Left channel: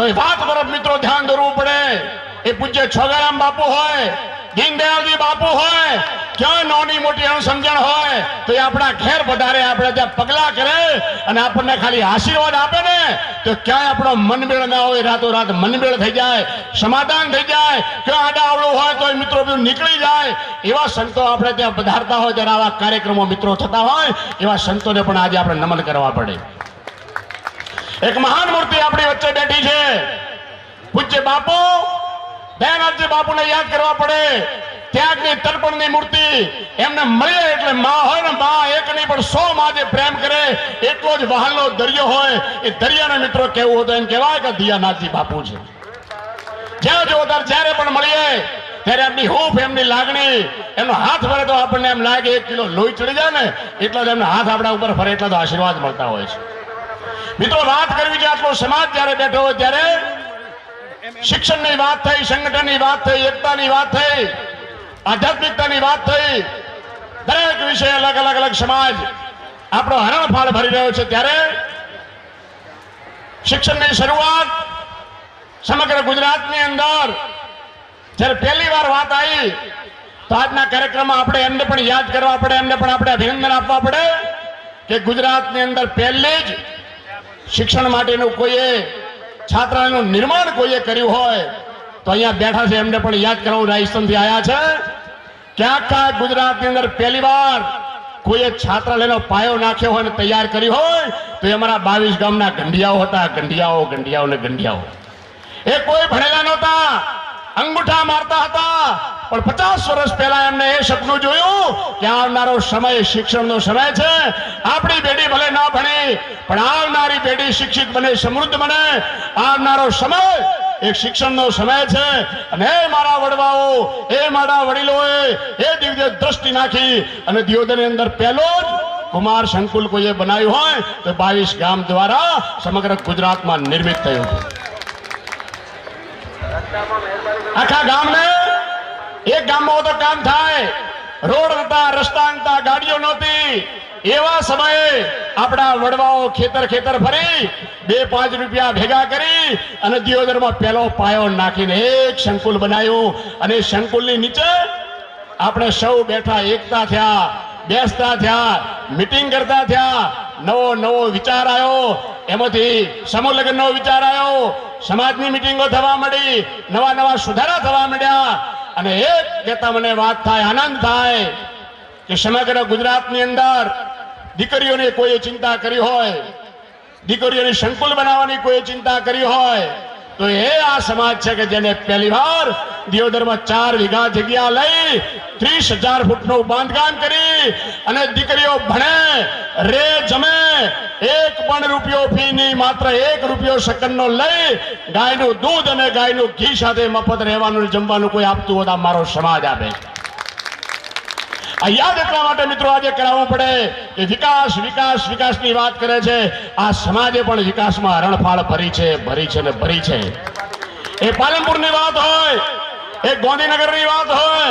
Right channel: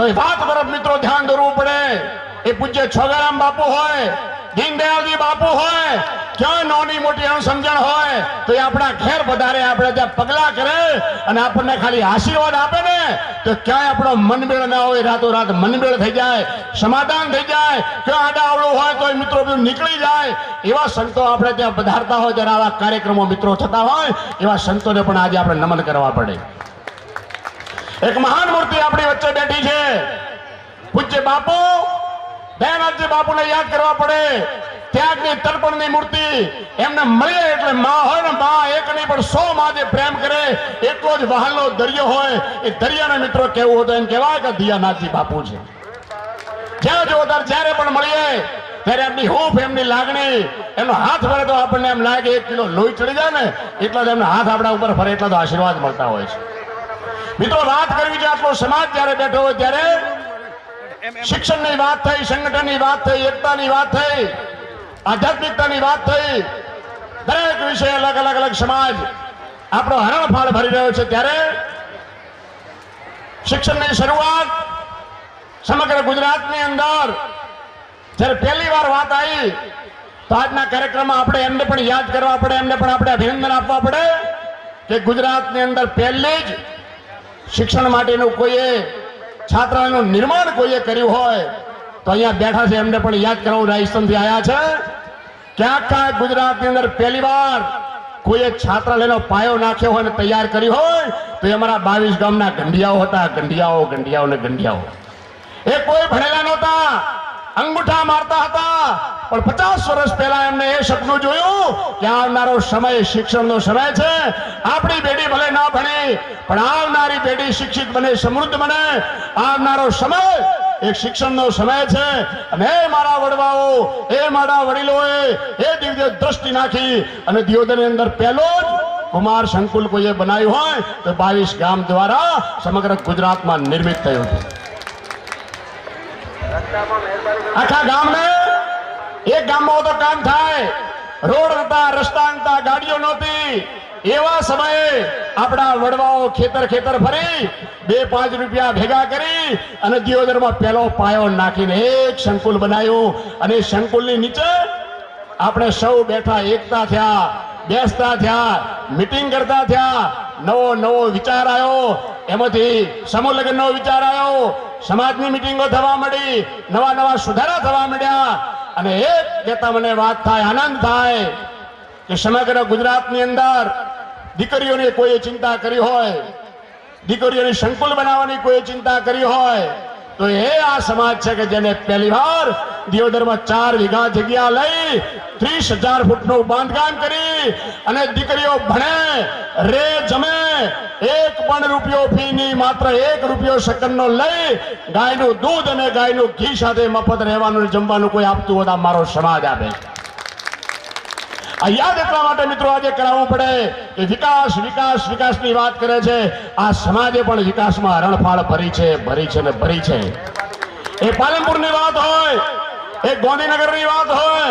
તો એ વાત તરફ મિત્રો ધ્યાન દોરવું પડે. એ પૂજ્ય છોગારામ બાપુ હોય, દીનદયાળજી બાપુ હોય, ક્યાં નાની મોટી અણસમજણ હોય તો એ આપણા ઘેર પધારે, આપણે ત્યાં પગલા કરે અને આપણને ખાલી આશીર્વાદ આપે ને તો ક્યાંય આપણો મનમેળ ના હોય, રાતોરાત મનમેળ થઈ જાય, સમાધાન થઈ જાય. ક્યાં આડાઅવળું હોય તો મિત્રો નીકળી જાય. એવા સંતો આપણે ત્યાં પધારતા હોય, ત્યારે આવા કાર્યક્રમો મિત્રો થતા હોય, એવા સંતોને પણ આજે આપણે નમન કરવા પડે. એક મહાન મૂર્તિ આપણી વચ્ચે બેઠી છે, પૂજ્ય બાપુ દયાનાથજી બાપુને યાદ કરવા પડે. ત્યાગની તર્પણની મૂર્તિ એમને મળે એટલે માં હોય ને, માં એક નહીં પણ 100 માં જે પ્રેમ કરે એટલો જ વહાલનો દરિયો હોય. એ દરિયાને મિત્રો કેવું હતું એમ કહેવાય કે દયાનાથજી બાપુ છે. જ્યાં જો જ્યારે પણ મળીએ ત્યારે એમની હૂંફ, એમની લાગણી, એમનો હાથ ફરે તો આપણને એમ લાગે 1 કિલો લોહી ચડી જાય ને એટલા જ એમના હાથ આપણા ઉપર ફરે એટલા તો આશીર્વાદ મળતા હોય છે. મિત્રો વાત કરવી છે, આટલો સમાજ જ્યારે બેઠો હોય ત્યારે શિક્ષણની વાત થઈ, સંગઠનની વાત થઈ, એકતાની વાત થઈ, આધ્યાત્મિકતાની વાત થઈ. દરેક વિષય અલગ અલગ સમાજ આપણો હરણફાળ ભરી રહ્યો છે. ત્યારે શિક્ષણની શરૂઆત સમગ્ર ગુજરાતની અંદર જ્યારે પહેલી વાર વાત આવી તો આજના કાર્યક્રમમાં આપણે એમને પણ યાદ કરવા પડે, એમને પણ આપણે અભિનંદન આપવા પડે કે ગુજરાતની અંદર પહેલી જ શિક્ષણ માટેનું કોઈએ છાત્રાલયનું નિર્માણ કોઈએ કર્યું હોય તો અહીંયા બેઠા છે એમને પણ યાદ કરવું. રાજસ્થાનથી આવ્યા છે. ક્યાંક ગુજરાતની અંદર પહેલી વાર કોઈએ છાત્રાલયનો પાયો નાખ્યો હોય અને તૈયાર કર્યું હોય તો એ અમારા 22 ગામના ગંઢિયાઓ હતા. ગંઢિયાઓ ને ગંઢિયાઓ એ કોઈ ભણેલા નહોતા, અંગૂઠા મારતા હતા, પણ 50 વર્ષ પહેલા એમને એ સપનું જોયું કે આવનારો સમય શિક્ષણનો સમય છે. આપણી પેઢી ભલે ના ભણે પણ આવનારી પેઢી શિક્ષિત બને, સમૃદ્ધ બને. આવનારો સમય એક શિક્ષણનો સમય છે. અને એ મારા વડવાઓ, એ મારા વડીલોએ એ દિવ્ય દ્રષ્ટિ નાખી અને દિયોદરની અંદર પહેલો જ કુમાર સંકુલ કોઈએ બનાવ્યું હોય તો 22 ગામ દ્વારા સમગ્ર ગુજરાતમાં નિર્મિત થયું હતું. આખા ગામને એક ગામમાં તો કામ થાય, રોડ નતા, રસ્તા નતા, ગાડીઓ નહોતી. એવા સમયે આપણા વડવાઓ ખેતર ફરી 2-5 રૂપિયા ભેગા કરી અને દિયોદરમાં પહેલો પાયો નાખીને એક સંકુલ બનાવ્યું. અને સંકુલની નીચે આપણે સૌ બેઠા, એકતા થયા, બેસતા થયા, મીટિંગ કરતા થયા. નવો વિચાર આવ્યો, એમાંથી સમૂહ લગ્નનો વિચાર આવ્યો, સમાજની મીટિંગો થવા માંડી, નવા સુધારા થવા માંડ્યા. અને એક કહેતા મને વાત થાય, આનંદ થાય કે સમગ્ર ગુજરાતની અંદર દીકરીઓની કોઈ ચિંતા કરી હોય, દીકરીઓની સંકુલ બનાવવાની કોઈ ચિંતા કરી હોય તો એ આ સમાજ છે કે જેને પહેલી વાર દિયોદરમાં 4 વીઘા જગ્યા લઈ 30,000 ફૂટનું બાંધકામ કરી અને દીકરીઓ ભણે, રે, જમે, 1 પણ રૂપિયો ફી નહીં, માત્ર 1 રૂપિયો સેકન્ડનો લઈ ગાયનું દૂધ અને ગાયનું ઘી સાથે મફત રહેવાનું જમવાનું કોઈ આપતું હોય તો મારો સમાજ આપે. આ યાદ એટલા માટે મિત્રો આજે કરાવવું પડે કે વિકાસની વાત કરે છે. આ સમાજે પણ વિકાસમાં હરણફાળ ભરી છે. એ પાલનપુરની વાત હોય, એ ગાંધીનગરની વાત હોય,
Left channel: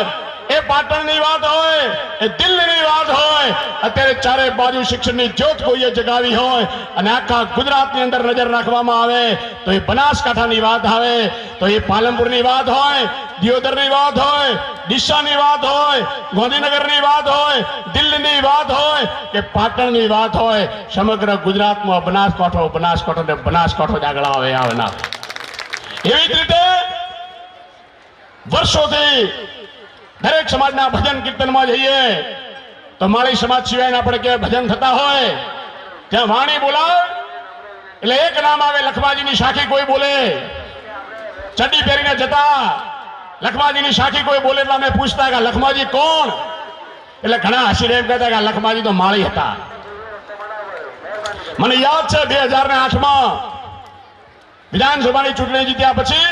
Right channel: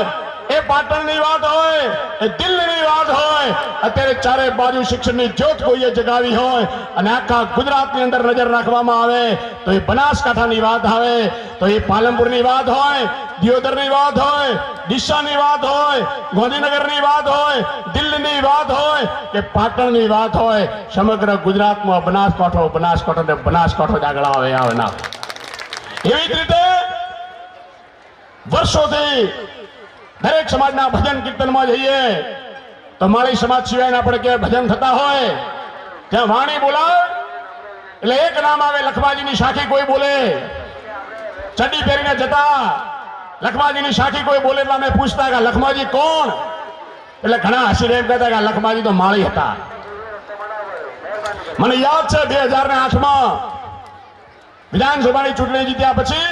એ પાટણની વાત હોય, એ દિલ્હીની વાત હોય, અત્યારે ચારે બાજુ શિક્ષણની જ્યોત કોઈએ જગાવી હોય અને આખા ગુજરાતની અંદર નજર રાખવામાં આવે તો એ બનાસકાંઠાની વાત આવે, તો એ પાલનપુરની વાત હોય, દિયોદરની વાત હોય, ડીસાની વાત હોય, ગાંધીનગરની વાત હોય, દિલ્હીની વાત હોય કે પાટણની વાત હોય, સમગ્ર ગુજરાતમાં બનાસકાંઠો જ આગળ આવે ના. એવી જ રીતે વર્ષોથી દરેક સમાજના ભજન કીર્તનમાં જઈએ તો માળી સમાજ સિવાયના આપણે કે ભજન થતા હોય ત્યાં વાણી બોલાય એટલે એક નામ આવે, લખમાજીની સાખી કોઈ બોલે. ચડ્ડી પહેરીને જતા લખમાજીની સાખી કોઈ બોલે એટલે અમે પૂછતા કે લખમાજી કોણ? એટલે ઘણા હસીને એમ કહેતા કે લખમાજી તો માળી હતા. મને યાદ છે 2008માં વિધાનસભાની ચૂંટણી જીત્યા પછી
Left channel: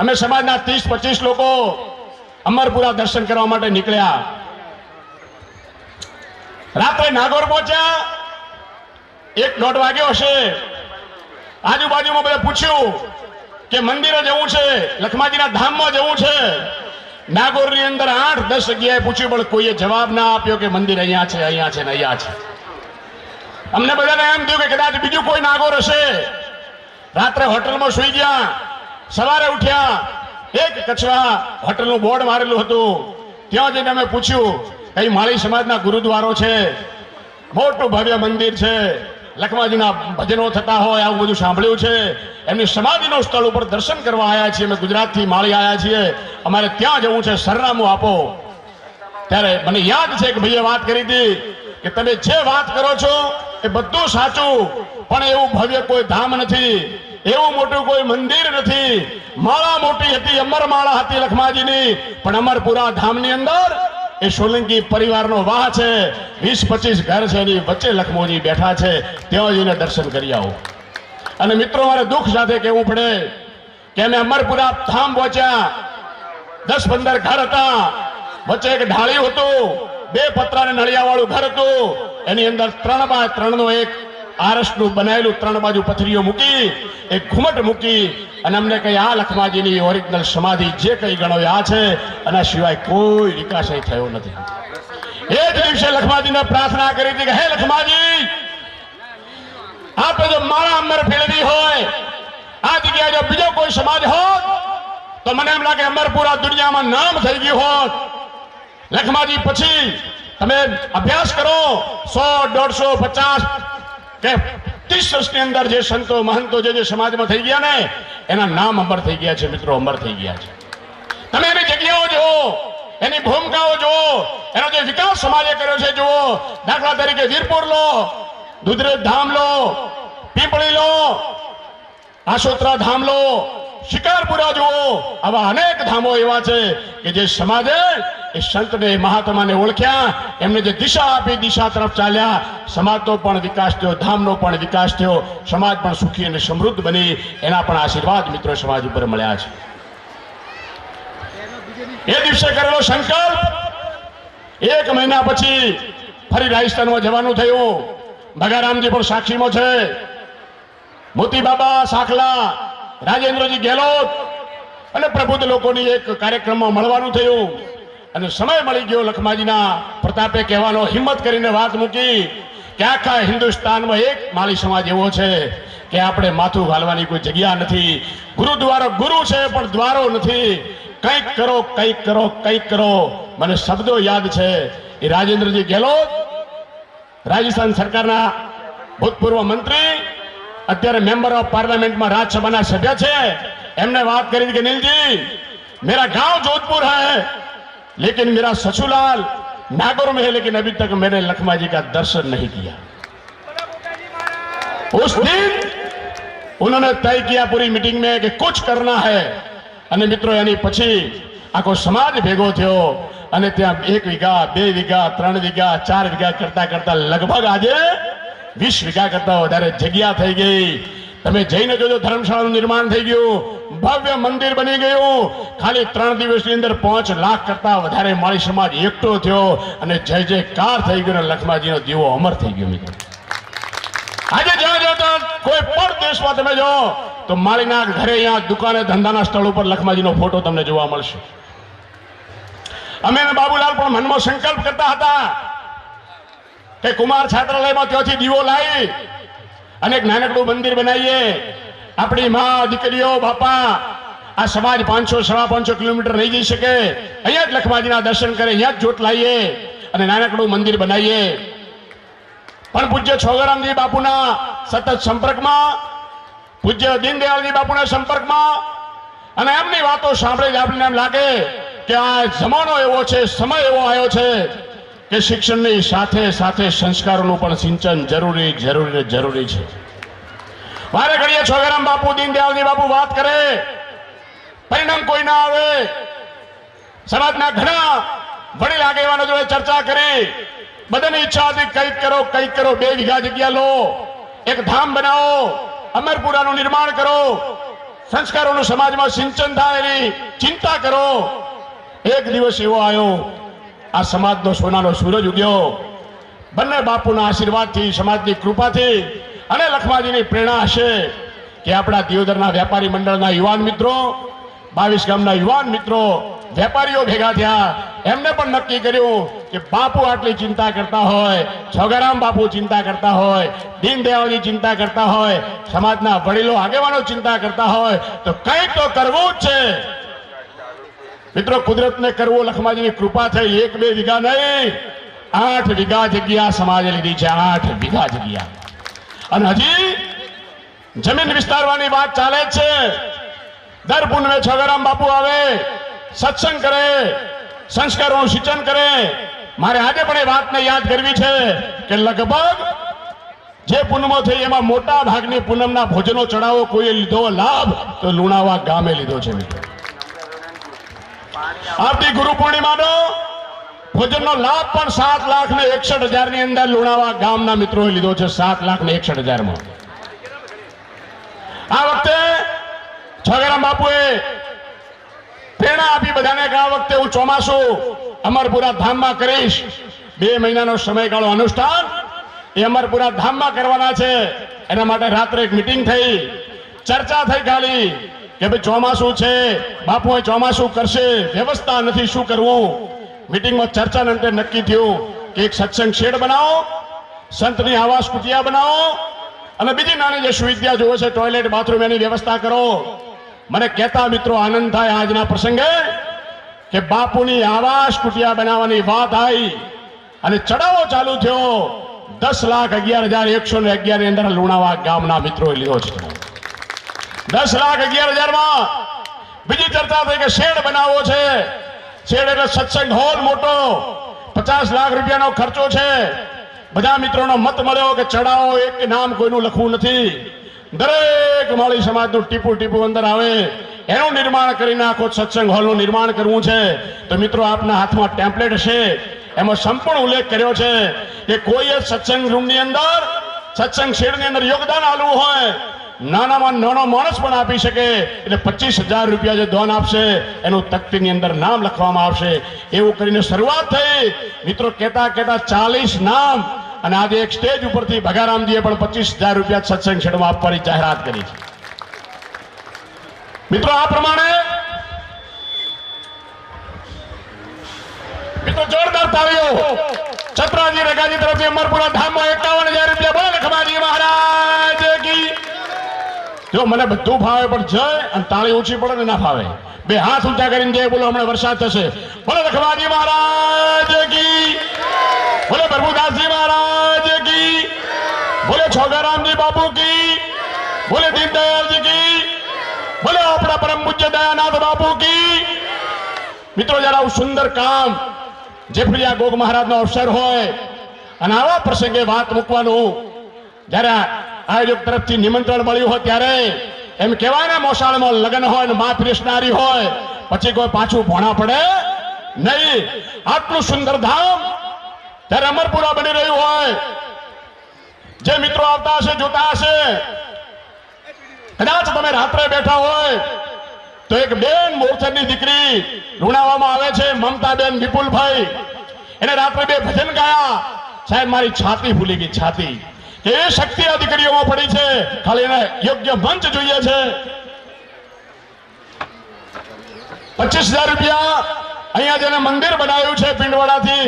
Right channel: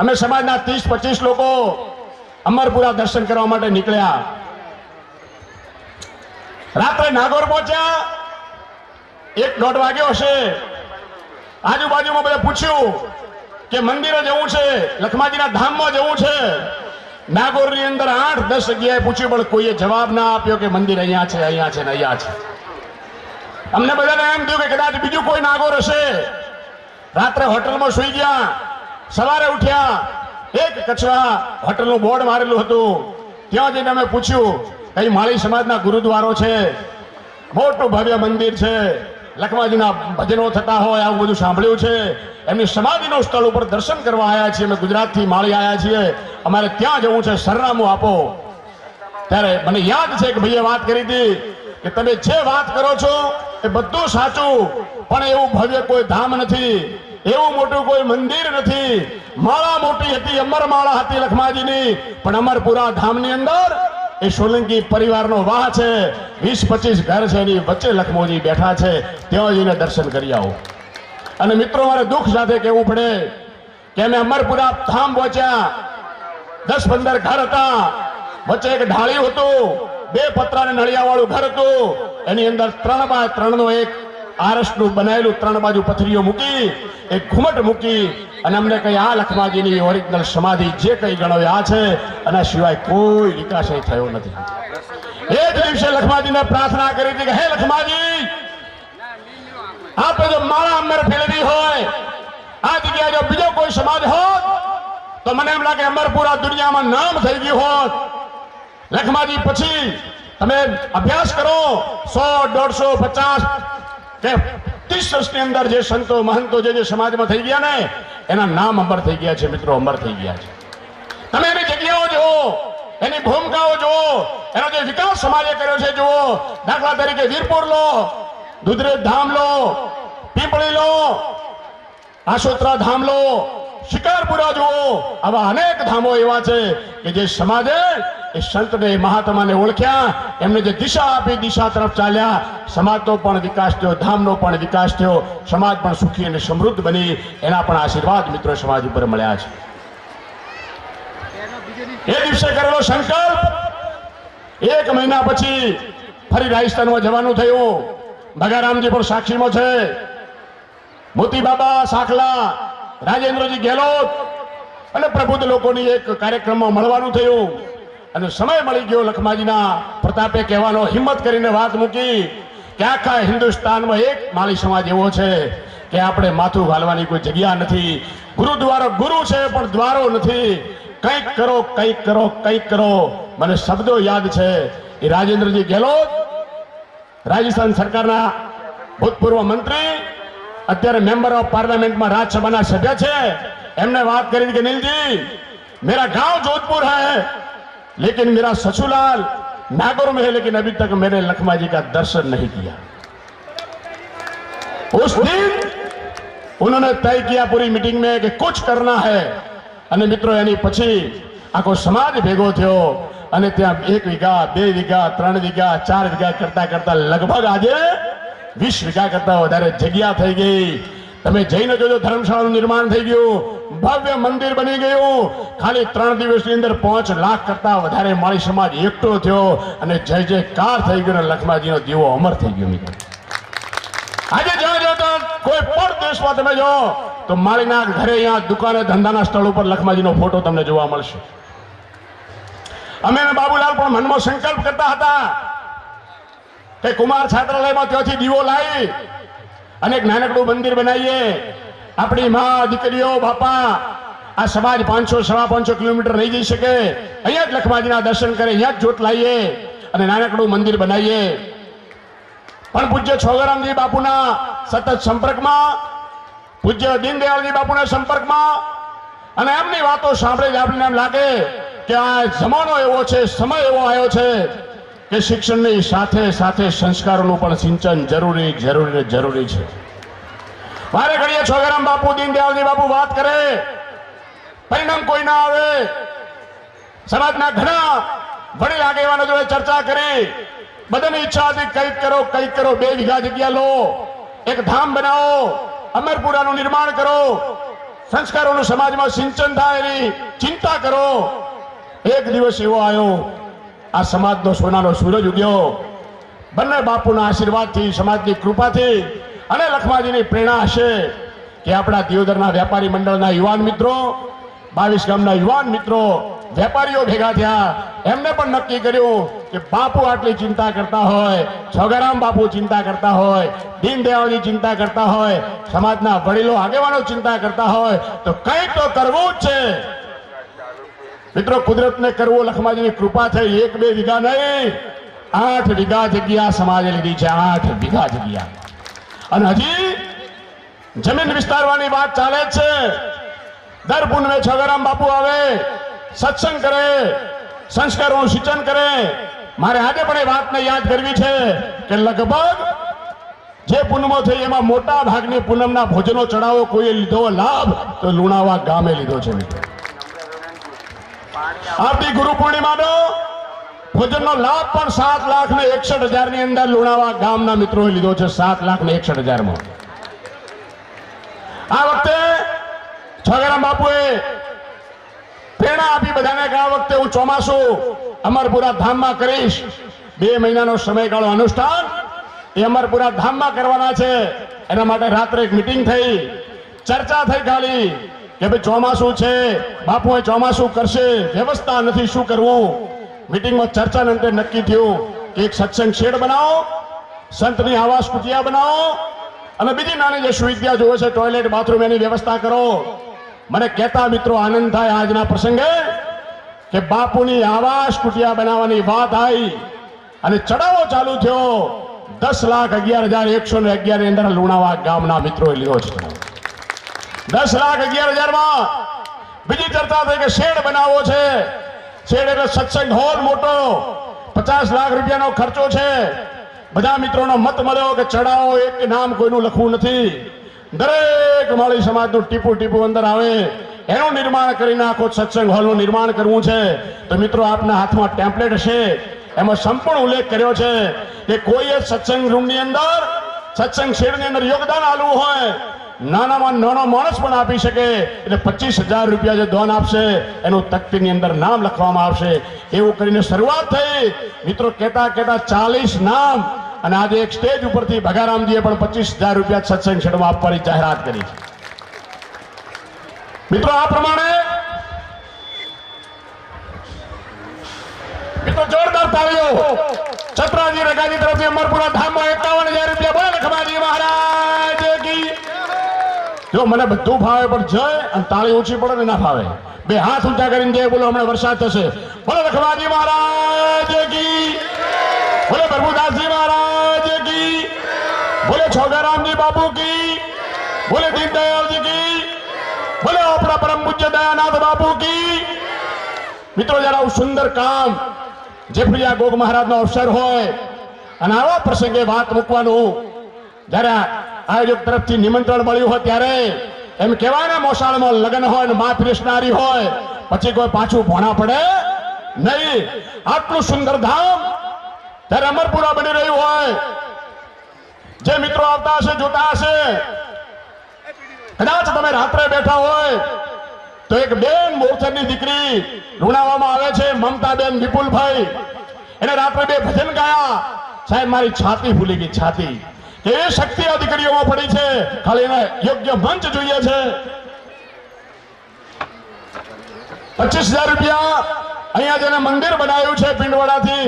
અમે સમાજના 30-25 લોકો અમરપુરા દર્શન કરવા માટે નીકળ્યા. રાત્રે નાગોર પહોંચ્યા, 1-1:30 વાગ્યો હશે. આજુબાજુમાં બધા પૂછ્યું કે મંદિરે જવું છે, લખમાજીના ધામમાં જવું છે. નાગોરની અંદર 8-10 જગ્યાએ પૂછ્યું પણ કોઈએ જવાબ ના આપ્યો કે મંદિર અહીંયા છે, અહીંયા છે ને અહીંયા છે. અમને બધાને એમ થયું કે કદાચ બીજું કોઈ નાગોર હશે. રાત્રે હોટલમાં સુઈ ગયા, સવારે ઉઠ્યા, એક કચ્છવા હોટલનું બોર્ડ મારેલું હતું. ત્યાં જઈને અમે પૂછ્યું, કઈ માળી સમાજના ગુરુદ્વારો છે, મોટું ભવ્ય મંદિર છે, લખમાજીના ભજનો થતા હોય આવું બધું સાંભળ્યું છે, એમની સમાધિનું સ્થળ ઉપર દર્શન કરવા આવ્યા છીએ, અમે ગુજરાતથી માળી આવ્યા છીએ, અમારે ત્યાં જવું છે, સરનામું આપો. ત્યારે મને યાદ છે કે ભાઈએ વાત કરી હતી કે તમે જે વાત કરો છો એ બધું સાચું, પણ એવું ભવ્ય કોઈ ધામ નથી, એવું મોટું કોઈ મંદિર નથી. માળા મોટી હતી, અમરમાળા હતી લખમાજીની, પણ અમરપુરા ધામની અંદર એ સોલંકી પરિવારનો વાહ છે, 20-25 ઘર છે, એની વચ્ચે લખમોજી બેઠા છે, ત્યાં જઈને દર્શન કરી આવો. અને મિત્રો, મારે દુઃખ સાથે કહેવું પડે કે અમે અમરપુરા ધામ પહોંચ્યા, 10-15 ઘર હતા, વચ્ચે એક ઢાળિયું હતું, 2 પતરા ને નળિયા વાળું ઘર હતું, એની અંદર 3x3 નું એક આરસનું બનાવેલું 3 બાજુ પથરીઓ મૂકી, એક ઘુમટ મૂકી, અને અમને કઈ આ લખમાજીની ઓરિજિનલ સમાધિ જે કઈ ગણો આ છે, અને સિવાય કોઈ વિકાસ અહીં થયો નથી. એ જ દિવસે લખમાજીને પ્રાર્થના કરી હતી કે હે લખમાજી, આપણે જો મારા અમર ફેરવી હોય, આ જગ્યાએ જો બીજો કોઈ સમાજ હોત તો મને એમ લાગે અમરપુરા દુનિયામાં નામ થઈ ગયું હોત. લખમાજી પછી તમે અભ્યાસ કરો, 100, 150, 50 કે 30 વર્ષની અંદર જે સંતો મહંતો જે સમાજમાં થઈ ગયા ને, એના નામ અમર થઈ ગયા છે મિત્રો, અમર થઈ ગયા છે. તમે એની જગ્યાઓ જુઓ, એની ભૂમિકાઓ જુઓ, એનો જે વિકાસ સમાજે કર્યો છે જુઓ. દાખલા તરીકે વીરપુર લો, દુધરેજ ધામ લો, પીપળી લો, આશોત્રા ધામ લો, શિકારપુરા જુઓ. આવા અનેક ધામો એવા છે કે જે સમાજે એ સંતને મહાત્માને ઓળખ્યા, એમને જે દિશા આપી, દિશા તરફ ચાલ્યા, સમાજનો પણ વિકાસ થયો, ધામનો પણ વિકાસ થયો, સમાજ પણ સુખી અને સમૃદ્ધ બની. એના પણ આશીર્વાદ મિત્રો સમાજ ઉપર મળ્યા છે. એ દિવસે કરેલો સંકલ્પ 1 મહિના પછી ફરી રાજસ્થાનમાં જવાનું થયું. ભગારામજી પણ સાક્ષીમાં છે, મોતી બાબા સાખલા, રાજેન્દ્રજી ગેહલોત અને પ્રબુદ્ધ લોકોની એક કાર્યક્રમમાં મળવાનું થયું. અને સમય મળી ગયો લખમાજીના પ્રતાપે કહેવાનો, હિંમત કરીને વાત મૂકી કે આખા હિન્દુસ્તાનમાં એક માળી સમાજ એવો છે કે આપણે માથું ઘાલવાની કોઈ જગ્યા નથી. ગુરુદ્વારો ગુરુ છે પણ દ્વારો નથી. કંઈક કરો, કંઈક કરો, કંઈક કરો. મને શબ્દો યાદ છે એ રાજેન્દ્રજી ગેહલોત, રાજસ્થાન સરકારના ભૂતપૂર્વ મંત્રી, અત્યારે મેમ્બર ઓફ પાર્લામેન્ટમાં રાજ્યસભાના સભ્ય છે. એમને વાત કરી કે નીલજી, मेरा गांव जोधपुर है लेकिन मेरा ससुराल नागौर में है, लेकिन अभी तक मैंने लखमा जी का दर्शन नहीं किया. उस दिन उन्होंने तय किया पूरी मीटिंग में कि कुछ करना है. અને મિત્રો એની પછી આખો સમાજ ભેગો થયો અને ત્યાં 1 વીઘા, 2 વીઘા, 3 વીઘા, 4 વીઘા કરતા કરતા લગભગ આજે 20 વીઘા કરતા વધારે જગ્યા થઈ ગઈ. તમે જઈને જોજો, ધર્મશાળાનું નિર્માણ થઈ ગયું, ભવ્ય મંદિર બની ગયું. ખાલી 3 દિવસની અંદર 5 લાખ કરતા વધારે માળી સમાજ એકઠો થયો અને જય જયકાર થઈ ગયો. લખમાજીનો દીવો અમર થઈ ગયો. મિત્રો આજે જ્યાં જો તો કોઈ પણ દેશમાં તમે જો તો માળીના ઘરે, અહીંયા દુકાને, ધંધાના સ્થળ ઉપર લખમાજીનો ફોટો તમને જોવા મળશે. અમે બાબુલાલ પણ મનમાં સંકલ્પ કરતા હતા કે કુમાર છાત્રાલયમાં ત્યાંથી દીવો લાવી અને એક નાનકડું મંદિર બનાવીએ. આપણી મા, દીકરીઓ, બાપા, આ સમાજ 500-550 કિલોમીટર નહીં જઈ શકે, અહીંયા જ લખમાજીના દર્શન કરે, અહીંયા જ જોત લાવીએ અને નાનકડું મંદિર બનાવીએ. પણ પૂજ્ય છોગરામજી બાપુના સતત સંપર્કમાં, પૂજ્ય દીનદયાળજી બાપુના સંપર્કમાં અને એમની વાતો સાંભળી આપણને એમ લાગે કે આ જમાનો એવો છે, સમય એવો આવ્યો છે કે શિક્ષણની સાથે સાથે સંસ્કારોનું પણ સિંચન જરૂરી છે. વારે ઘડીએ છોગરામ બાપુ, દીનદયાળજી બાપુ વાત કરે, પરિણામ કોઈ ના આવે. સમાજના ઘણા વડીલ આગેવાનો જોડે ચર્ચા કરી, બધાની ઈચ્છા હતી કંઈક કરો, કંઈક કરો. 2 વીઘા જગ્યા લો, એક ધામ બનાવો, અમરપુરાનું નિર્માણ કરો, સંસ્કારોનું સમાજમાં સિંચન થાય એની ચિંતા કરો. એક દિવસ એવો આવ્યો, આ સમાજનો સોનાનો સૂરજ ઉગ્યો. બંને બાપુના આશીર્વાદથી, સમાજની કૃપાથી અને લખમાજીની પ્રેરણા હશે કે આપણા દિયોદરના વેપારી મંડળના યુવાન મિત્રો 22 ગામના યુવાન મિત્રો વેપારીઓ ભેગા થયા, એમને પણ નક્કી કર્યું કે બાપુ આટલી ચિંતા કરતા હોય, છોગારામ બાપુ ચિંતા કરતા હોય, દીનદયાળની ચિંતા કરતા હોય, સમાજના વડીલો આગેવાનો ચિંતા કરતા હોય, તો કંઈક તો કરવું જ છે. મિત્રો કુદરતને કરવું લખમાજીની કૃપા થઈ. 1-2 વીઘા નહીં, 8 વીઘા જગ્યા સમાજે લીધી છે. 8 વીઘા જગ્યા. અને હજી જમીન વિસ્તારવાની વાત ચાલે જ છે. દર પૂનમે છોગારામ બાપુ આવે, સત્સંગ કરે, સંસ્કારોનું સિંચન કરે. મારે આજે પણ એ વાતને યાદ કરવી છે કે લગભગ જે પૂનમો થઈ એમાં મોટા ભાગની પૂનમના ભોજનો ચડાવો કોઈએ લીધો લાભ તો લુણાવા ગામે લીધો છે. આવતી ગુરુ પૂર્ણિમાનો ભોજનનો લાભ પણ 7,61,000 ની અંદર લુણાવા ગામના મિત્રોએ લીધો છે. 7,61,000 માં આ વખતે છોગારામ બાપુએ પ્રેરણા આપી બધાને કે આ વખતે હું ચોમાસું અમરપુરા ધામમાં કરીશ. 2 મહિનાનો સમયગાળો અનુષ્ઠાન એ અમરપુરા ધામમાં કરવાના છે. એના માટે રાત્રે એક મીટિંગ થઈ, ચર્ચા થઈ ખાલી કે ભાઈ ચોમાસું છે, બાપુ ચોમાસું કરશે, વ્યવસ્થા નથી, શું કરવું. મીટિંગમાં ચર્ચાને અંતે નક્કી થયું કે એક સત્સંગ શેડ બનાવો, સંતની આવાસ કુટિયા બનાવો અને બીજી નાની જે સુવિધા જોવે છે, ટોયલેટ બાથરૂમ, એની વ્યવસ્થા કરો. મને કહેતા મિત્રો આનંદ થાય આજના પ્રસંગે કે બાપુની આવાસ કુટિયા બનાવવાની વાત આવી અને ચડાવો ચાલુ થયો. 10,11,111 ની અંદર લુણાવા ગામના મિત્રોએ લીધો છે. 10,11,000 માં બીજી ચર્ચા થઈ કે શેડ બનાવવો છે. શેડ એટલે સત્સંગ હોલ મોટો, 50 લાખ રૂપિયાનો ખર્ચો છે. બધા મિત્રોનો મત મળ્યો કે ચડાવો એક નામ કોઈનું લખવું નથી, દરેક માળી સમાજનું ટીપું ટીપું અંદર આવે એનું નિર્માણ કરીને આખો સત્સંગ હોલનું નિર્માણ કરવું છે. તો મિત્રો આપના હાથમાં ટેમ્પલેટ હશે, એમાં સંપૂર્ણ ઉલ્લેખ કર્યો છે કે કોઈએ સત્સંગ રૂમની અંદર, સત્સંગ શેડની અંદર યોગદાન આલવું હોય, નાનામાં નાનો માણસ પણ આપી શકે. એટલે 25,000 રૂપિયા જે દાન આપશે એનું તકતીની અંદર નામ લખવામાં આવશે. એવું કરીને શરૂઆત થઈ. મિત્રો કહેતા 40 નામ. અને આજે એક સ્ટેજ ઉપરથી ભગારામજીએ પણ 25,000 રૂપિયા સત્સંગ શેડમાં આપવાની જાહેરાત કરી છે. મિત્રો આ પ્રમાણે મિત્રો જોરદાર તાળીઓ છત્રાજી રગાજી તરફથી અમરપુરા ધામમાં 51,000 રૂપિયા. બોલો લખમાજી મહારાજ કી. જો મને બધું ફાવે પણ જય અને તાળી ઊંચી પડે ને ના ફાવે. 2 હાથ ઊંચા કરીને જય બોલો, હમણાં વરસાદ થશે. બોલો લખમાજી મહારાજ કી. બોલે પ્રભુદાસજી મહારાજ કી. બોલે છોગારામજી બાપુ કી. બોલે દીનદયાળજી કી. બોલે આપણા પરમ પૂજ્ય દયાનાથ બાપુ કી. મિત્રો જરા આવું સુંદર કામ જેફળિયા ગોગ મહારાજનો અવસર હોય અને આવા પ્રસંગે વાત મૂકવાનું જયારે આયોજક તરફથી નિમંત્રણ મળ્યું હોય ત્યારે એમ કહેવાય ને મોસાળમાં લગ્ન હોય ને મા પીરસનારી હોય પછી કોઈ પાછું ભોણા પડે નહીં. આટલું સુંદર ધામ ત્યારે અમરપુરા બની રહ્યું હોય, જે મિત્રો આવતા હશે, જોતા હશે, કદાચ તમે રાત્રે બેઠા હોય તો એક બેન મોરચરની દીકરી લુણાવામાં આવે છે, મમતાબેન વિપુલભાઈ, એને રાત્રે 2 ભજન ગાયા. સાહેબ મારી છાતી ફૂલી ગઈ, છાતી. એ શક્તિ આ દીકરીઓમાં પડી છે, ખાલી એને યોગ્ય મંચ જોઈએ છે. 25,000 રૂપિયા અહીંયા જેને મંદિર બનાવ્યું છે પિંડવાડાથી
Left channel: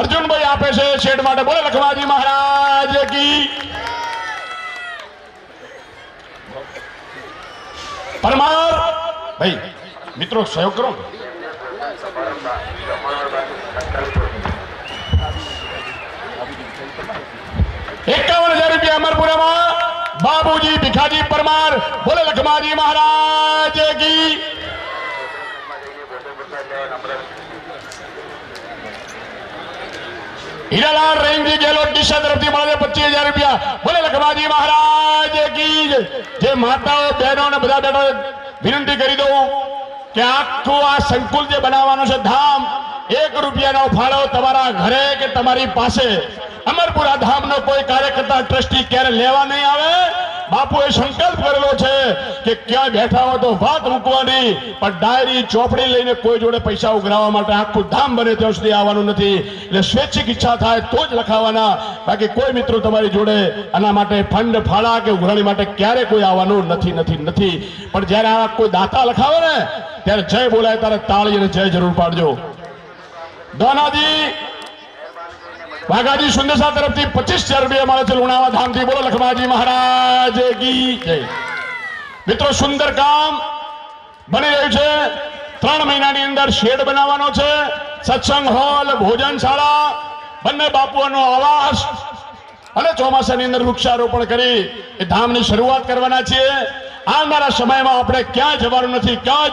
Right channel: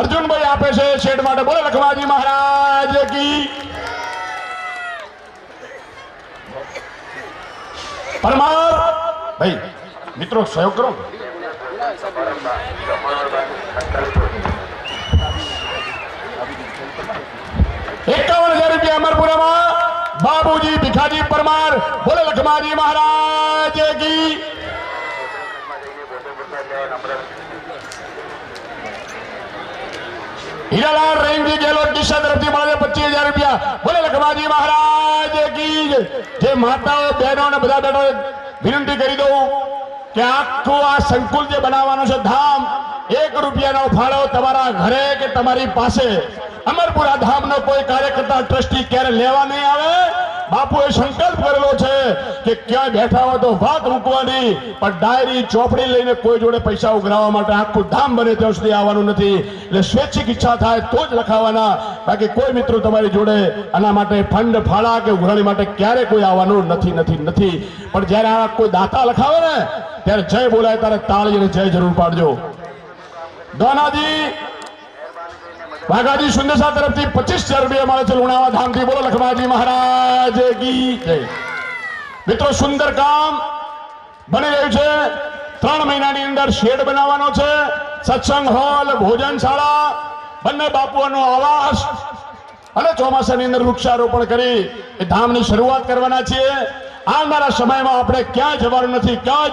અર્જુનભાઈ આપે છે શેડ માટે. બોલે લખમાજી મહારાજ કી. પરમાર ભાઈ મિત્રો સહયોગ કરો. 51,000 રૂપિયા અમરપુરામાં બાબુજી ભીખાજી પરમાર. બોલે લખમાજી મહારાજ કી. હીરાલાલ રેંગજી ગેલોટ દિશા તરફથી મળે 25,000 રૂપિયા. બોલે લખમાજી મહારાજ કી. જે માતાઓ બહેનો અને બધા બેઠો વિનંતી કરી દઉં કે આખું આ સંકુલ જે બનાવવાનું છે ધામ, 1 રૂપિયાનો ફાળો તમારા ઘરે કે તમારી પાસે અમરપુરા ધામનો કોઈ કાર્યકર્તા ટ્રસ્ટી ક્યારે લેવા નહીં આવે. બાપુએ સંકલ્પ કરેલો છે કે ક્યાં બેઠા હોય તો વાત મૂકવાની, પણ ડાયરી ચોપડી લઈને કોઈ જોડે પૈસા ઉઘરાવવા માટે આખું ધામ બને ત્યાં સુધી આવવાનું નથી. એટલે સ્વૈચ્છિક ઈચ્છા થાય તો જ લખાવાના, બાકી કોઈ મિત્રો તમારી જોડે આના માટે ફંડ ફાળા કે ઉઘરાણી માટે ક્યારે કોઈ આવવાનું નથી. પણ જયારે આવા કોઈ દાતા લખાવે ને ત્યારે જય બોલાય ત્યારે તાળી અને જય જરૂર પાડજો. દોનાજી વાઘાજી સુંદેસા તરફથી 25,000 રૂપિયા મળે છે લુણાવા ધામથી. બોલો લખમાજી મહારાજ કી જય. મિત્રો સુંદર કામ બની રહ્યું છે. 3 મહિનાની અંદર શેડ બનાવવાનો છે, સત્સંગ હોલ, ભોજનશાળા, બંને બાપુઓનો આવાસ અને ચોમાસાની અંદર વૃક્ષારોપણ કરી એ ધામની શરૂઆત કરવાના છીએ. આવનારા સમયમાં આપણે ક્યાં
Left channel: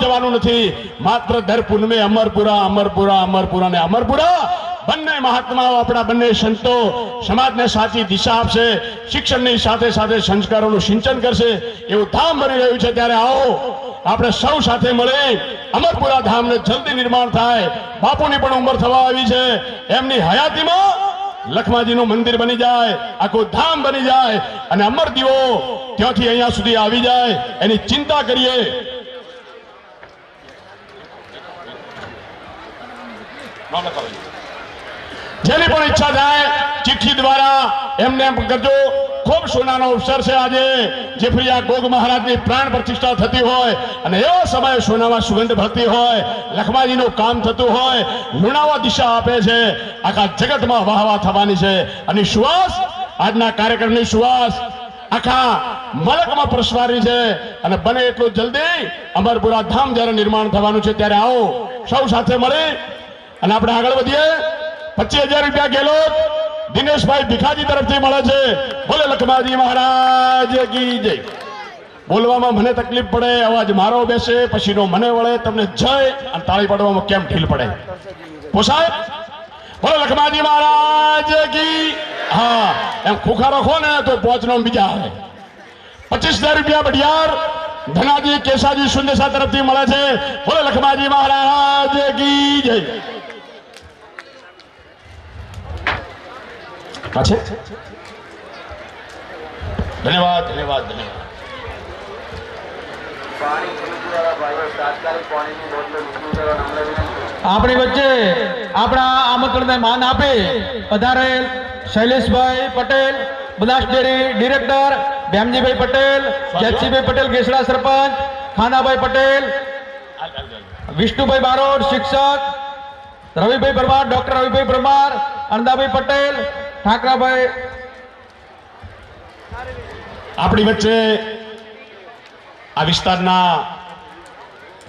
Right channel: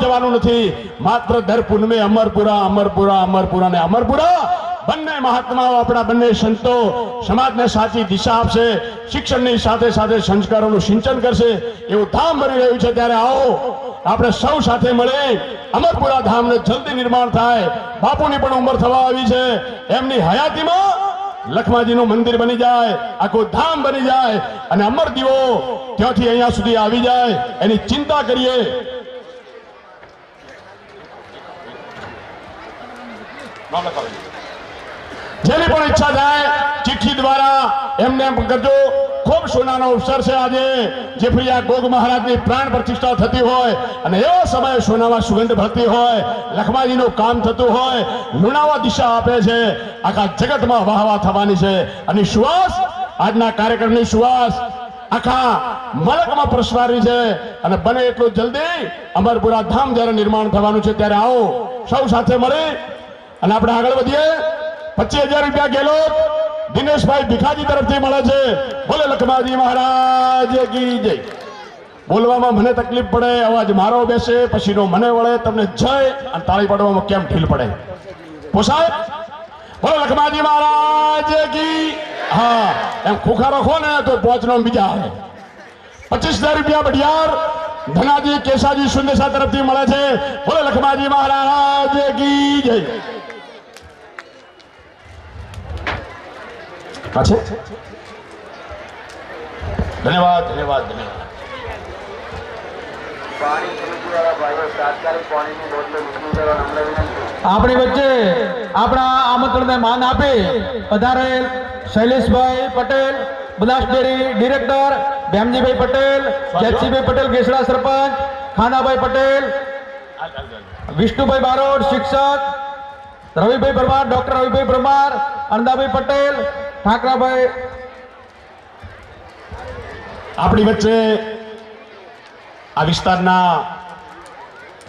જવાનું નથી. માત્ર દર પૂનમે અમરપુરા ને અમરપુરા બંને મહાત્માઓ, આપણા બંને સંતો સમાજને સાચી દિશા આપશે, શિક્ષણની સાથે સાથે સંસ્કારોનું સિંચન કરશે એવું ધામ બની રહ્યું છે. ત્યારે આવો આપણે સૌ સાથે મળી અમરપુરા ધામને જલ્દી નિર્માણ થાય. બાપુની પણ ઉંમર થવા આવી છે, એમની હયાતીમાં લખમાજીનું મંદિર બની જાય, આખું ધામ બની જાય અને અમર દીવો ત્યાંથી અહીંયા સુધી આવી જાય એની ચિંતા કરીએ. જેની પણ ઈચ્છા થાય ચિઠ્ઠી દ્વારા એમને એમ કરજો. ખૂબ સોનાનો અવસર છે આજે. જેફરિયા ગોગ મહારાજની પ્રાણ પ્રતિષ્ઠા થતી હોય અને એવો સમય સોનામાં સુગંધ ભરતી હોય, લખમાજીનું કામ થતું હોય, લુણાવા દિશા આપે છે, આખા જગતમાં વાહવા થવાની છે. અને સુવાસ, આજના કાર્યક્રમની સુવાસ આખા મલકમાં પ્રસવારી છે. અને બને એટલું જલ્દી અમરપુરા ધામ જયારે નિર્માણ થવાનું છે ત્યારે આવો સૌ સાથે મળી અને આપણે આગળ વધીએ. 25,000 રૂપિયા ગેલોત દિનેશભાઈ ભીખાજી તરફથી મળે છે. બોલે લખમાજી મહારાજ કી જય. બોલવામાં મને તકલીફ પડે, અવાજ મારો બેસે, પછીનો મને વળે, તમને જય અને તાળી પાડવામાં કેમ ઢીલ પડે? પોસાય? બોલે લખમાજી મહારાજ કી. હા, એમ ખુખારો ખો ને તો પોચનો બીજા આવે. 25,000 રૂપિયા બઢિયાર ધનાજી કેસાજી સુંદેસા તરફથી મળે છે. બોલે લખમાજી મહારાજ કી જય. ધન્યવાદ. આપણી વચ્ચે આપણા આમંત્રણને માન આપી પધારેલ શૈલેષભાઈ પટેલ, બનાસ ડેરી ડિરેક્ટર, ભેમજીભાઈ પટેલ, જેતસીભાઈ પટેલ ગેસડા સરપંચ, ખાનાભાઈ પટેલ, વિષ્ણુભાઈ બારોટ શિક્ષક, રવિભાઈ પરમાર, ડોક્ટર રવિભાઈ પરમાર, અણદાભાઈ પટેલ, ઠાકરાભાઈ. આપણી વચ્ચે આ વિસ્તારના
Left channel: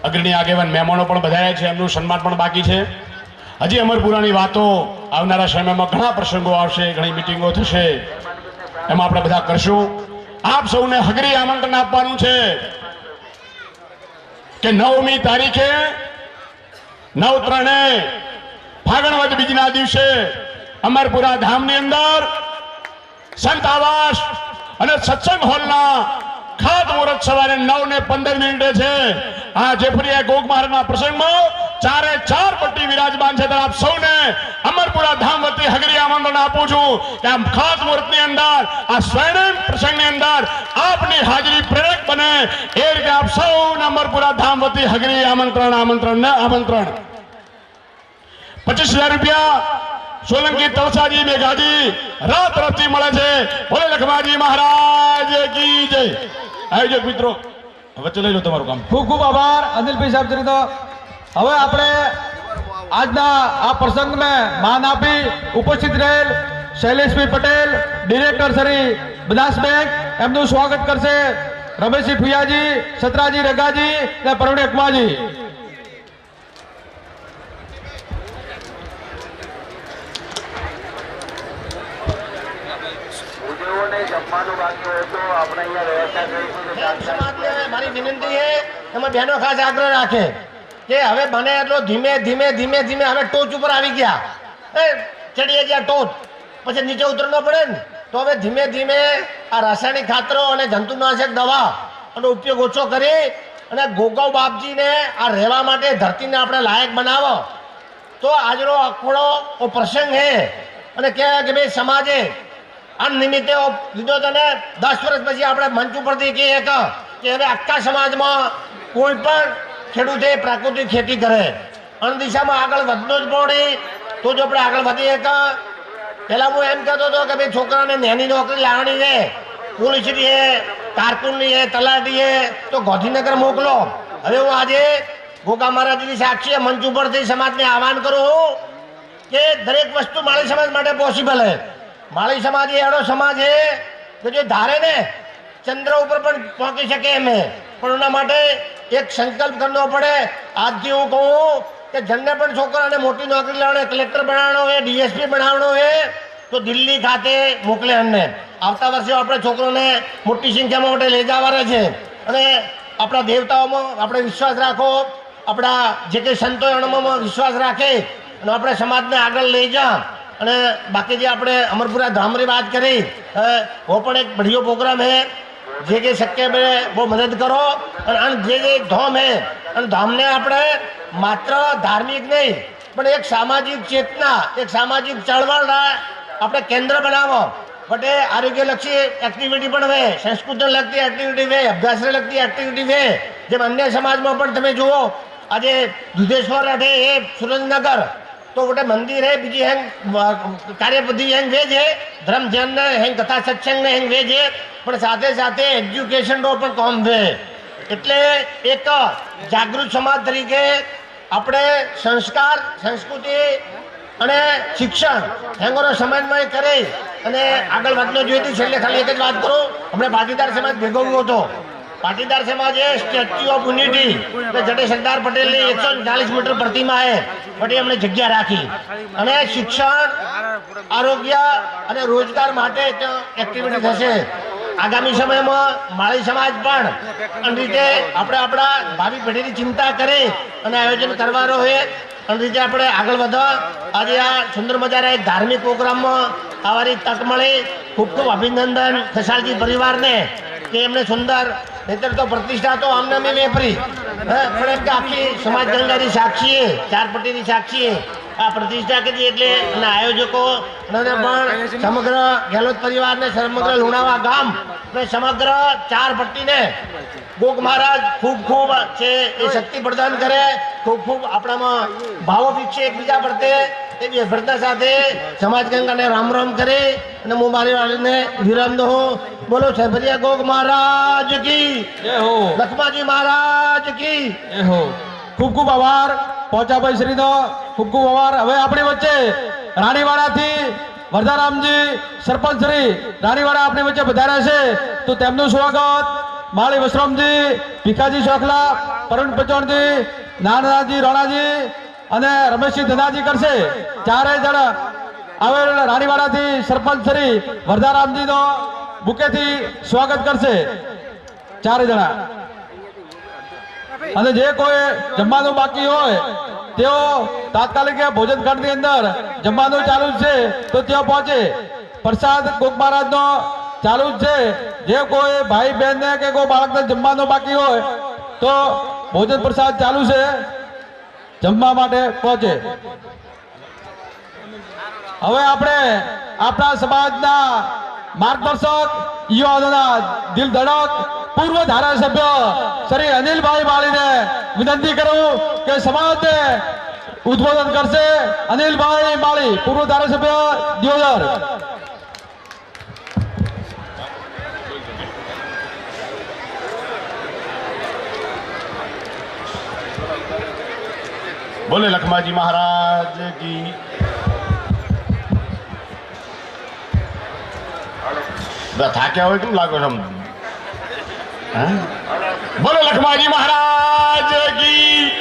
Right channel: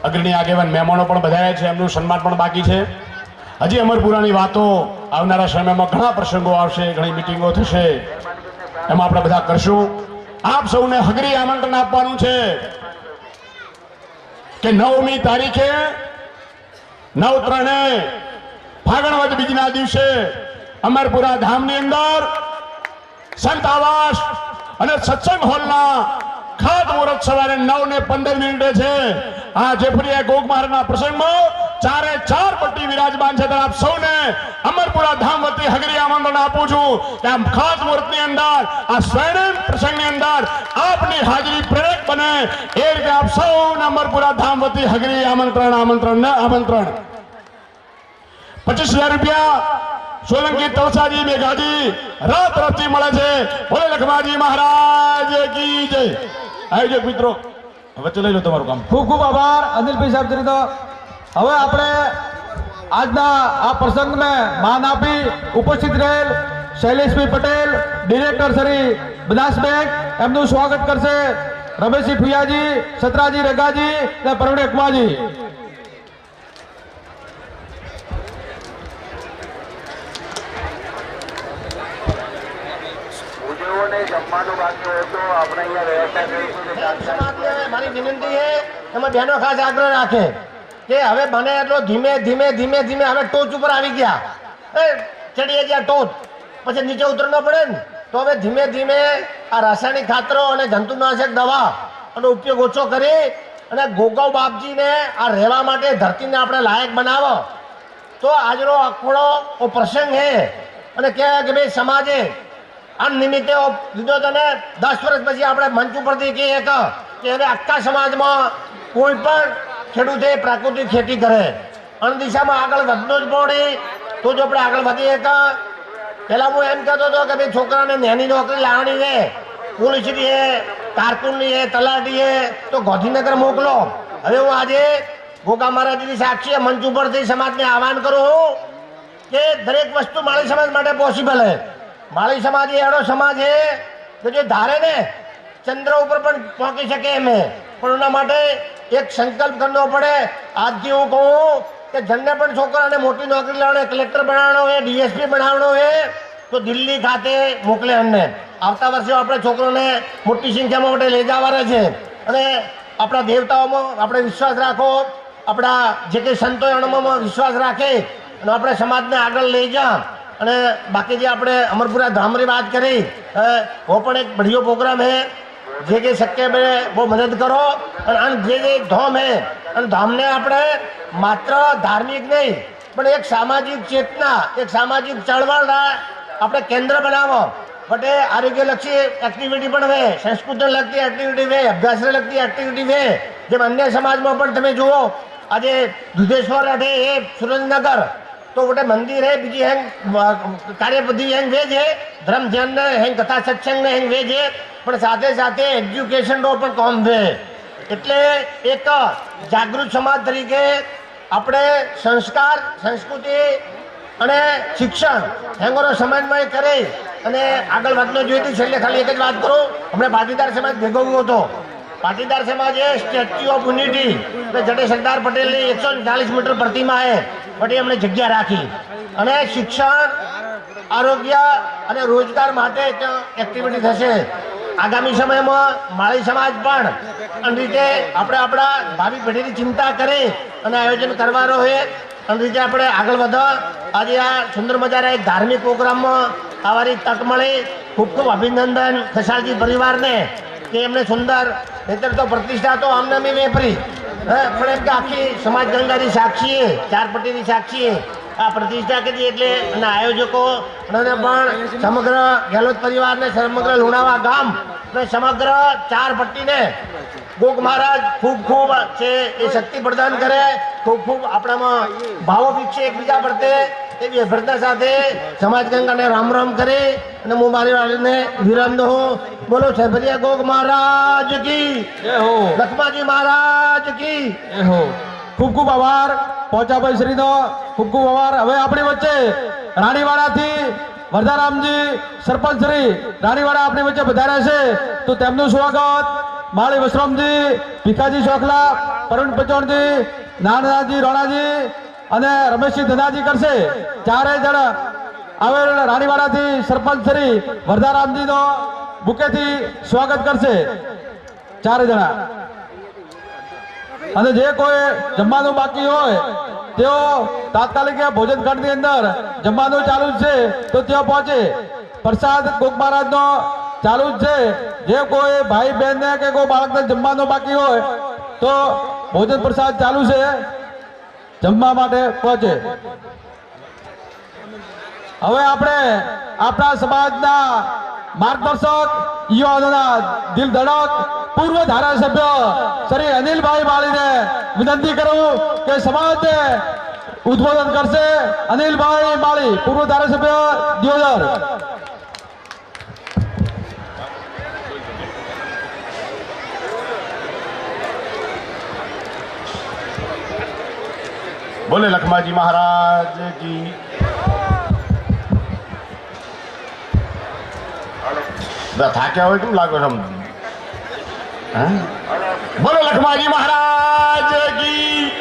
અગ્રણી આગેવાન મહેમાનો પણ બધાયા છે, એમનું સન્માન પણ બાકી છે. હજી અમરપુરાની વાતો આવનારા સમયમાં ઘણા પ્રસંગો આવશે, ઘણી મિટિંગો થશે, એમાં આપણે બધા કરશું. આપ સૌને હગરી આમંત્રણ આપવાનું છે કે 9મી તારીખે 9/3 ફાગણ વદ બીજના દિવસે અમરપુરા ધામની અંદર સંત આવાસ અને સત્સંગ હોલના ખાત મુહૂર્ત સવારે 9:15 છે. આ જેફરિયા ગોગ મહારાજના પ્રસંગમાં 4 પટ્ટી વિરાજમાન છે. આપ સૌને અમરપુરા ધામ વતી હગરી આમંત્રણ આપું છું કે આ ખાસ મુહૂર્તની અંદર, આ સ્વર્ણિમ પ્રસંગની અંદર આપની હાજરી પ્રેરક બને એ રીતે આપ સૌને અમરપુરા ધામ વતી હગરી આમંત્રણ. 25,000 રૂપિયા સોલંકી તલસાજી મેઘાજી રાત તરફથી મળે છે. બોલે લખમાજી મહારાજ કી જય. આયોજક મિત્રો વચ્ચે લઈ લો તમારું કામ. ખૂબ ખૂબ આભાર અનિલભાઈ સાહેબ શ્રી. તો હવે આપણે આજના આ પ્રસંગમાં માન આપી ઉપસ્થિત રહેલ શૈલેષભાઈ પટેલ ડિરેક્ટર શ્રી બનાસ બેંક, એમનું સ્વાગત કરશે રમેશજી ફુયાજી, સતરાજી રગાજી અને પરવડે કુમાજી. મારી વિનંતી છે એમાં બહેનો ખાસ આગ્રહ રાખે કે હવે બને એટલો ધીમે ધીમે હવે ટોચ ઉપર આવી ગયા, ચડીએ ગયા ટોચ, પછી નીચે ઉતરનો પડે ને, તો હવે ધીમે ધીમે આ રાસાયણિક ખાતરો અને જંતુનાશક દવા નો ઉપયોગ ઓછો કરી અને ગોગાવ બાપજીને આ રહેવા માટે ધરતીને આપણે લાયક બનાવો. તો આજનો આખો પ્રસંગ છે અને કહેવાય કે ભાઈ સમાજે આ નિમિત્તે લીધો તો ને 10 વર્ષ પછી આપણે મંચ ઉપરથી કહીએ કે હવે આખા સમાજમાં કોઈ પણ ખેડૂતે પ્રાકૃતિક ખેતી કરે અને દિશામાં આગળ વધવું જ પડે તો જ આપણે આગળ વધીએ કે પહેલા હું એમ કહેતો હતો કે ભાઈ છોકરાને નાની નોકરી લાવવાની છે, પોલીસની છે, કારકુનની છે, તલાટી છે, તો ગાંધીનગર મોકલો. હવે હું આજે ગોગા મહારાજની સાક્ષી મંચ ઉપરથી સમાજને આહવાન કરું છું કે દરેક વસ્તુ માળી સમાજ માટે પોસિબલ છે. માળી સમાજ એ એવો સમાજ છે કે જે ધારે ને ચંદ્ર ઉપર પણ પહોંચી શકે એમ છે, પણ એના માટે એક સંકલ્પ કરવો પડે. આજથી હું કહું કે જેમને પણ છોકરાને મોટી નોકરી લાવણે, કલેક્ટર બનાવવાનો હોય, ડીએસપી બનાવવાનો હોય તો દિલ્હી ખાતે મોકલે એમને. આવતા વર્ષે આપણે છોકરોને મોટી સંખ્યામાં માટે લઈ જવાના છે. અને આપણા દેવતાઓમાં આપણે વિશ્વાસ રાખો, આપણા જે કંઈ સંતો એનામાં વિશ્વાસ રાખે અને આપણે સમાજને આગળ લઈ જા. અને બાકી જે આપણે અમરપુરા ધામની વાત કરી, वो પણ એક बढ़िया प्रोग्राम है. જે જે શક્ય બને બહુ મદદ કરો. અને જે ધામ હે અને ધામને આપણે માત્ર ધાર્મિક નહીં પણ એક સામાજિક ચેતના, એક સામાજિક ચળવળના આપણે કેન્દ્ર બનાવો. બટે આરોગ્યલક્ષી એક્ટિવિટી પણ હોય, સંસ્કૃતિને લગતી એક્ટિવિટી હોય, અભ્યાસને લગતી એક્ટિવિટી હોય. જેમ અન્ય સમાજમાં પણ તમે જુઓ આજે દુધેશ્વર અઠે એ સુરેન્દ્રનગર તો गोटे मंदिर है, बीजी हेंग कार्यपद्धति हेंग वेज है, धर्म ध्यान हेंग कथा सत्संग हेंग वेज है, पण साथे साथे एज्युकेशन नो पण काम है. એટલે એક જાગૃત સમાજ તરીકે આપણે સંસ્કાર, સંસ્કૃતિ અને શિક્ષણ હેંગોનો સમાજમાં કરી અને આગળ વધનો જોઈએ. છેલ્લે ખાલી એક જ વાત કરું, હમણાં પાટીદાર સમાજ ભેગો હતો. પાટીદાર સમાજે સ્ટેચ્યુ ઓફ યુનિટી જડે સરદાર પટેલની 140 મીટર પ્રતિમા છે બટ એમણે જગ્યા રાખી અને શિક્ષણ, આરોગ્ય અને રોજગાર માટે એક્ટિવિટી થશે. આગામી સમયમાં માળી સમાજ પણ આ રીતે આપણે આપણા ભાવિ પેઢીની ચિંતા કરી અને આયોજન કરવાનો હોય અને રીતે આપણે આગળ વધો. આજે આ સુંદર મજાના એક ધાર્મિક પ્રોગ્રામમાં આવવાની તક મળી. ખૂબ ખૂબ અભિનંદન ખસાલજી પરિવારને કે એમને સુંદર, નહીતર તો પ્રતિષ્ઠા તો આમને મેં વેપરી પણ એમ કે આખી સમાજ ગંગાની સાક્ષીએ, ચાર પટ્ટીની સાક્ષીએ આ પ્રતિષ્ઠા કરી. એટલે અને આયોજકો અને પણ સમગ્ર ગેહલોત પરિવારને, સમગ્ર લુણાવા ગામ અને સમગ્ર ચાર પટ્ટીને ગોગ મહારાજ ખૂબ ખૂબ છે એ શક્તિ પ્રદાન કરે, ખૂબ ખૂબ આપણામાં ભાવો વિકસે એકબીજા પ્રત્યે. એવી અભ્યર્થના સાથે સમાજ ગંગાને રામ રામ કરી અને હું મારી વાળીને વિરામ દઉં. બોલો છેભરિયા ગોગ મહારાજ કી જય હો, લખમાજી મહારાજ કી જય હો. ખૂબ ખૂબ આભાર પહોંચાભાઈ શ્રીનો, ખૂબ ખૂબ આભાર. હવે આપણી વચ્ચે રાણીવાડાથી વરદારામજી સરપંચ શ્રી રાણીવાડા આપણી વચ્ચે પધાર્યા છે, તો તેમનું સ્વાગત માળી વસરામજી, ભીખાજી શોખલા, પરવીણ પચોણજી, નાનાજી રોણાજી અને રમેશજી ધનાજી કરશે. ચારે જણ આવેલ રાણીવાડાથી સરપંચ શ્રી વરદારામજીનો બુકેથી સ્વાગત કરશે, ચારે જણા. અને જે કોઈ જમવાનું બાકી હોય તેઓ તાત્કાલિક ભોજન ખંડની અંદર જમવાનું ચાલુ જ છે તો ત્યાં પહોંચે. પ્રસાદ ગોગ મહારાજનો ચાલુ જ છે. જે કોઈ ભાઈ બહેનને કે કોઈ બાળકને જમવાનું બાકી હોય તો ભોજન પ્રસાદ ચાલુ છે, જમવા માટે પહોંચે. હવે આપણે આપણા સમાજના માર્ગદર્શક, યુવાનોના દિલ ધડક પૂર્વ ધારાસભ્ય શ્રી અનિલભાઈ માળીને વિનંતી કરું કે સમાજને ઉદ્બોધન કરશે. અનિલભાઈ માળી, પૂર્વ ધારાસભ્ય દિયોદર. बोले लखमाजी महाराज की. થાક્યા હોય કેમ લાગો છો? બોલો લખમાજી મહારાજ કી.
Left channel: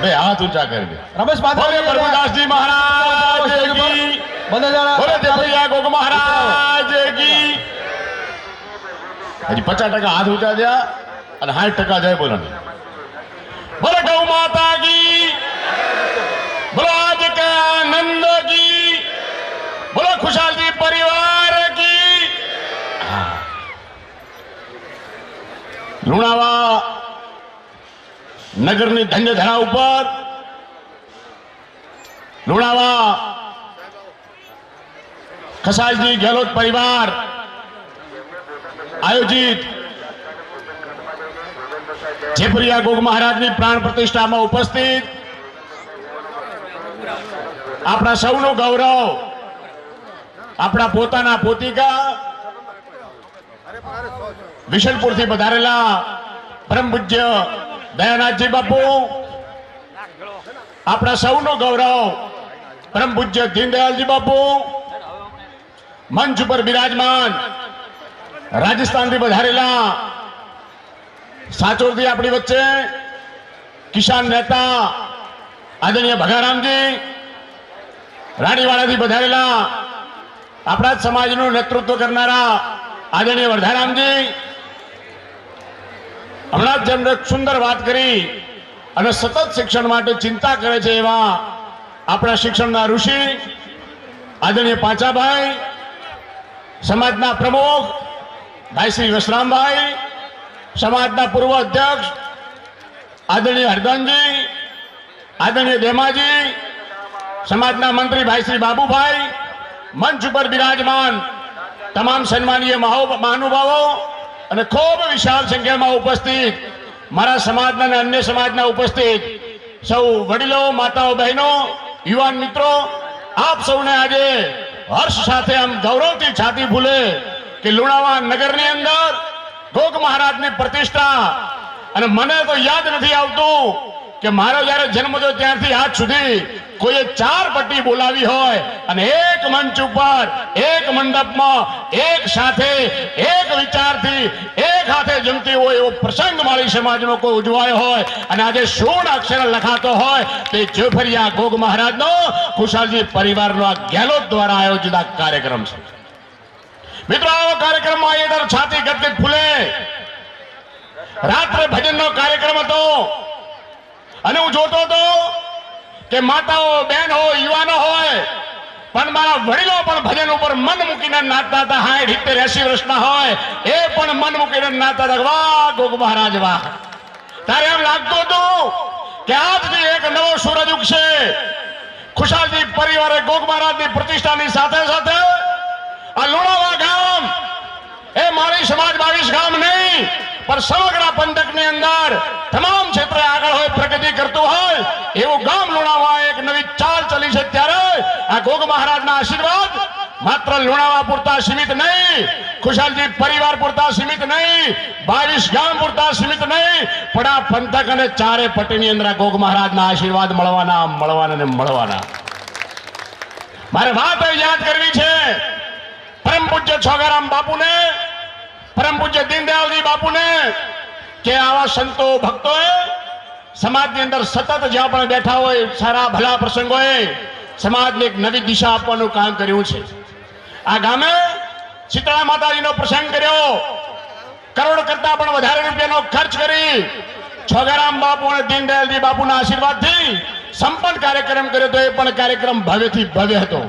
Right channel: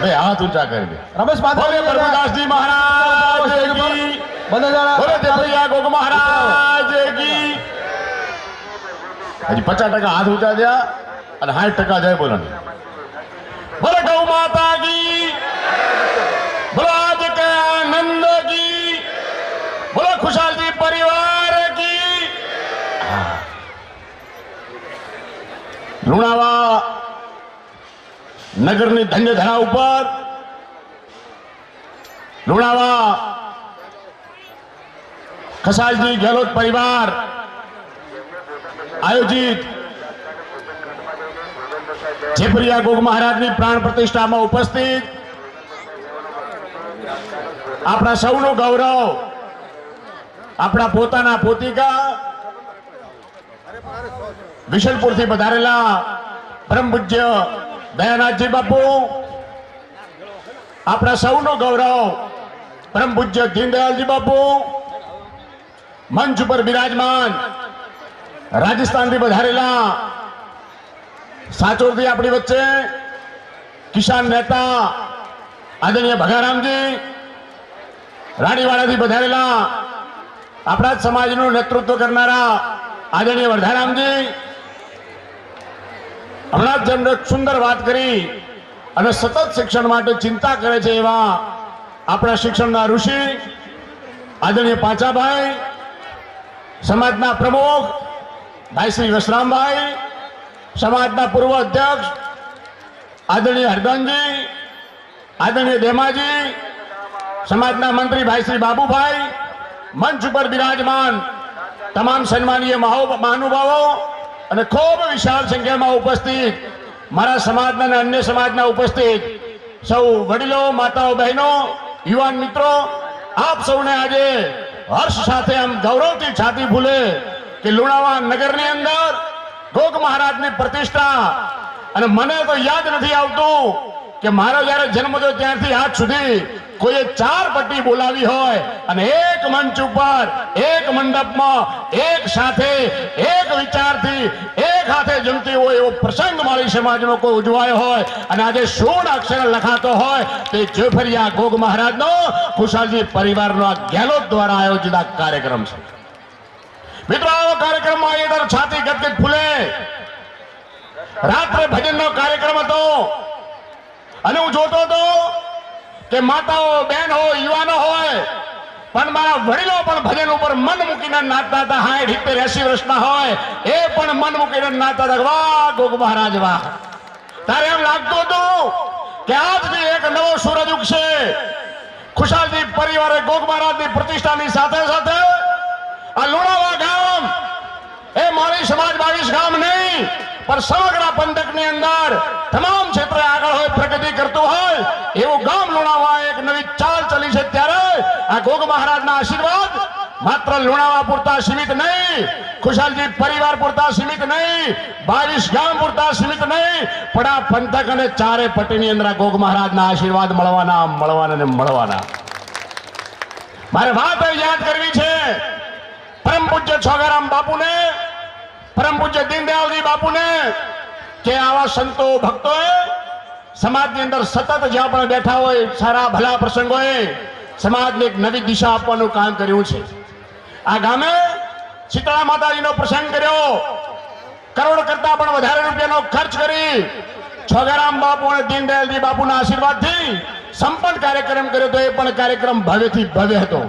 બે હાથ ઊંચા કરી દે. રમેશ બોલે પ્રભુદાસજી મહારાજ કી. બોલે દેવૈયા ગોગ મહારાજ કી. હજી 50% હાથ ઊંચા થયા અને 60% જય બોલો. બોલે ગૌ માતા કી. બોલો આજ કે આનંદ કી. બોલો खुशालजी परिवार की. લુણાવા નગરની ધન્ય ધરા ઉપર ખસાલજી ગેહલોત પરિવાર આયોજિત જેપરિયા ગોગ મહારાજની પ્રાણ પ્રતિષ્ઠામાં ઉપસ્થિત આપણા સૌનું ગૌરવ, આપણા પોતાના પોતિકા વિશલપુરથી પધારેલા પરમ પૂજ્ય દયાનાથજી બાપુ, આપણા સૌનું ગૌરવ પરમ પૂજ્ય દીનદયાલજી બાપુ, મંચ ઉપર બિરાજમાન રાજસ્થાનથી પધારેલા સાચોરથી આપણી વચ્ચે કિસાન નેતા આદરણીય ભગારામજી, રાણીવાડાથી પધારેલા આપણા જ સમાજનું નેતૃત્વ કરનારા આદરણીય વર્ધારામજી, હમણાં જ જેમને સુંદર વાત કરી અને સતત શિક્ષણ માટે ચિંતા કરે છે એવા આપણા શિક્ષણના ઋષિ આદરણીય પાંચાભાઈ, સમાજના પ્રમુખ ભાઈ શ્રી વસરામભાઈ, સમાજના પૂર્વ અધ્યક્ષ આદરણીય હરદાનજી, આદરણીય દેમાજી, સમાજના મંત્રી ભાઈ શ્રી બાબુભાઈ, મંચ ઉપર બિરાજમાન તમામ સન્માનીય મહાનુભાવો અને ખૂબ વિશાળ સંખ્યામાં ઉપસ્થિત મારા સમાજના અને અન્ય સમાજના ઉપસ્થિત સૌ વડીલો, માતાઓ, બહેનો, યુવાન મિત્રો, આપ સૌને આજે હર્ષ સાથે આમ ગૌરવથી છાતી ફૂલે કે લુણાવા નગરની અંદર ગોગ મહારાજની પ્રતિષ્ઠા, અને મને તો યાદ નથી આવતું કે મારો જ્યારે જન્મ થયો ત્યારથી આજ સુધી કોઈએ 4 પટ્ટી બોલાવી હોય અને એક મંચ ઉપર એક મંડપમાં એક સાથે એક વિચારથી એક હાથે જમતી હોય એવો પ્રસંગ મારી સમાજનો કોઈ ઉજવાયો હોય અને આજે 16 અક્ષર લખાતો હોય તે જેફરિયા ગોગ મહારાજનો ખુશાલજી પરિવારનો આ ગેહલોત દ્વારા આયોજિત આ કાર્યક્રમ છે. મિત્રો, આવો કાર્યક્રમમાં એડર છાતી ગદગદ ફૂલે. રાત્રે ભજનનો કાર્યક્રમ હતો અને હું જોતો હતો કે માતાઓ, બહેનો, યુવાનો હોય પણ મારા વડીલો પણ ભજન ઉપર મન મૂકીને નાચતા હતા. 60, 70, 80 વર્ષના હોય એ પણ મન મૂકીને નાચતા હતા. વાહ ગોગ મહારાજ વાહ. ત્યારે એમ લાગતું હતું કે આજથી એક નવો સૂરજ ઉગશે. ખુશાલજી પરિવારે ગોગ મહારાજની પ્રતિષ્ઠાની સાથે સાથે આ લુણાવા ગામ એ મારી સમાજ 22 ગામ નહીં પણ સમગ્ર પંથકની અંદર તમામ ક્ષેત્રે આગળ હોય, પ્રગતિ કરતું હોય એવું ગામ લુણાવા એક નવી ચાલ ચલી છે. ત્યારે આ ગોગ મહારાજના આશીર્વાદ માત્ર લુણાવા પૂરતા સીમિત નહીં, ખુશાલજી પરિવાર પૂરતા સીમિત નહીં, 22 ગામ પૂરતા સીમિત નહીં પણ આ પંથક અને ચારે પટ્ટીની અંદર આ ગોગ મહારાજના આશીર્વાદ મળવાના. મારે વાત યાદ કરવી છે પરમ પૂજ્ય છોગારામ બાપુને, પરમ પૂજ્ય દીનદયાલજી બાપુને કે આવા સંતો ભક્તોએ સમાજની અંદર સતત જ્યાં પણ બેઠા હોય સારા ભલા પ્રસંગોએ સમાજને એક નવી દિશા આપવાનું કામ કર્યું છે. આ ગામે શીતળા માતાજીનો પ્રસંગ કર્યો, કરોડ કરતા પણ વધારે રૂપિયાનો ખર્ચ કરી છોગારામ બાપુ અને દીનદયાલજી બાપુના આશીર્વાદથી સંપન્ન કાર્યક્રમ કર્યો તો એ પણ કાર્યક્રમ ભવ્યથી ભવ્ય હતો.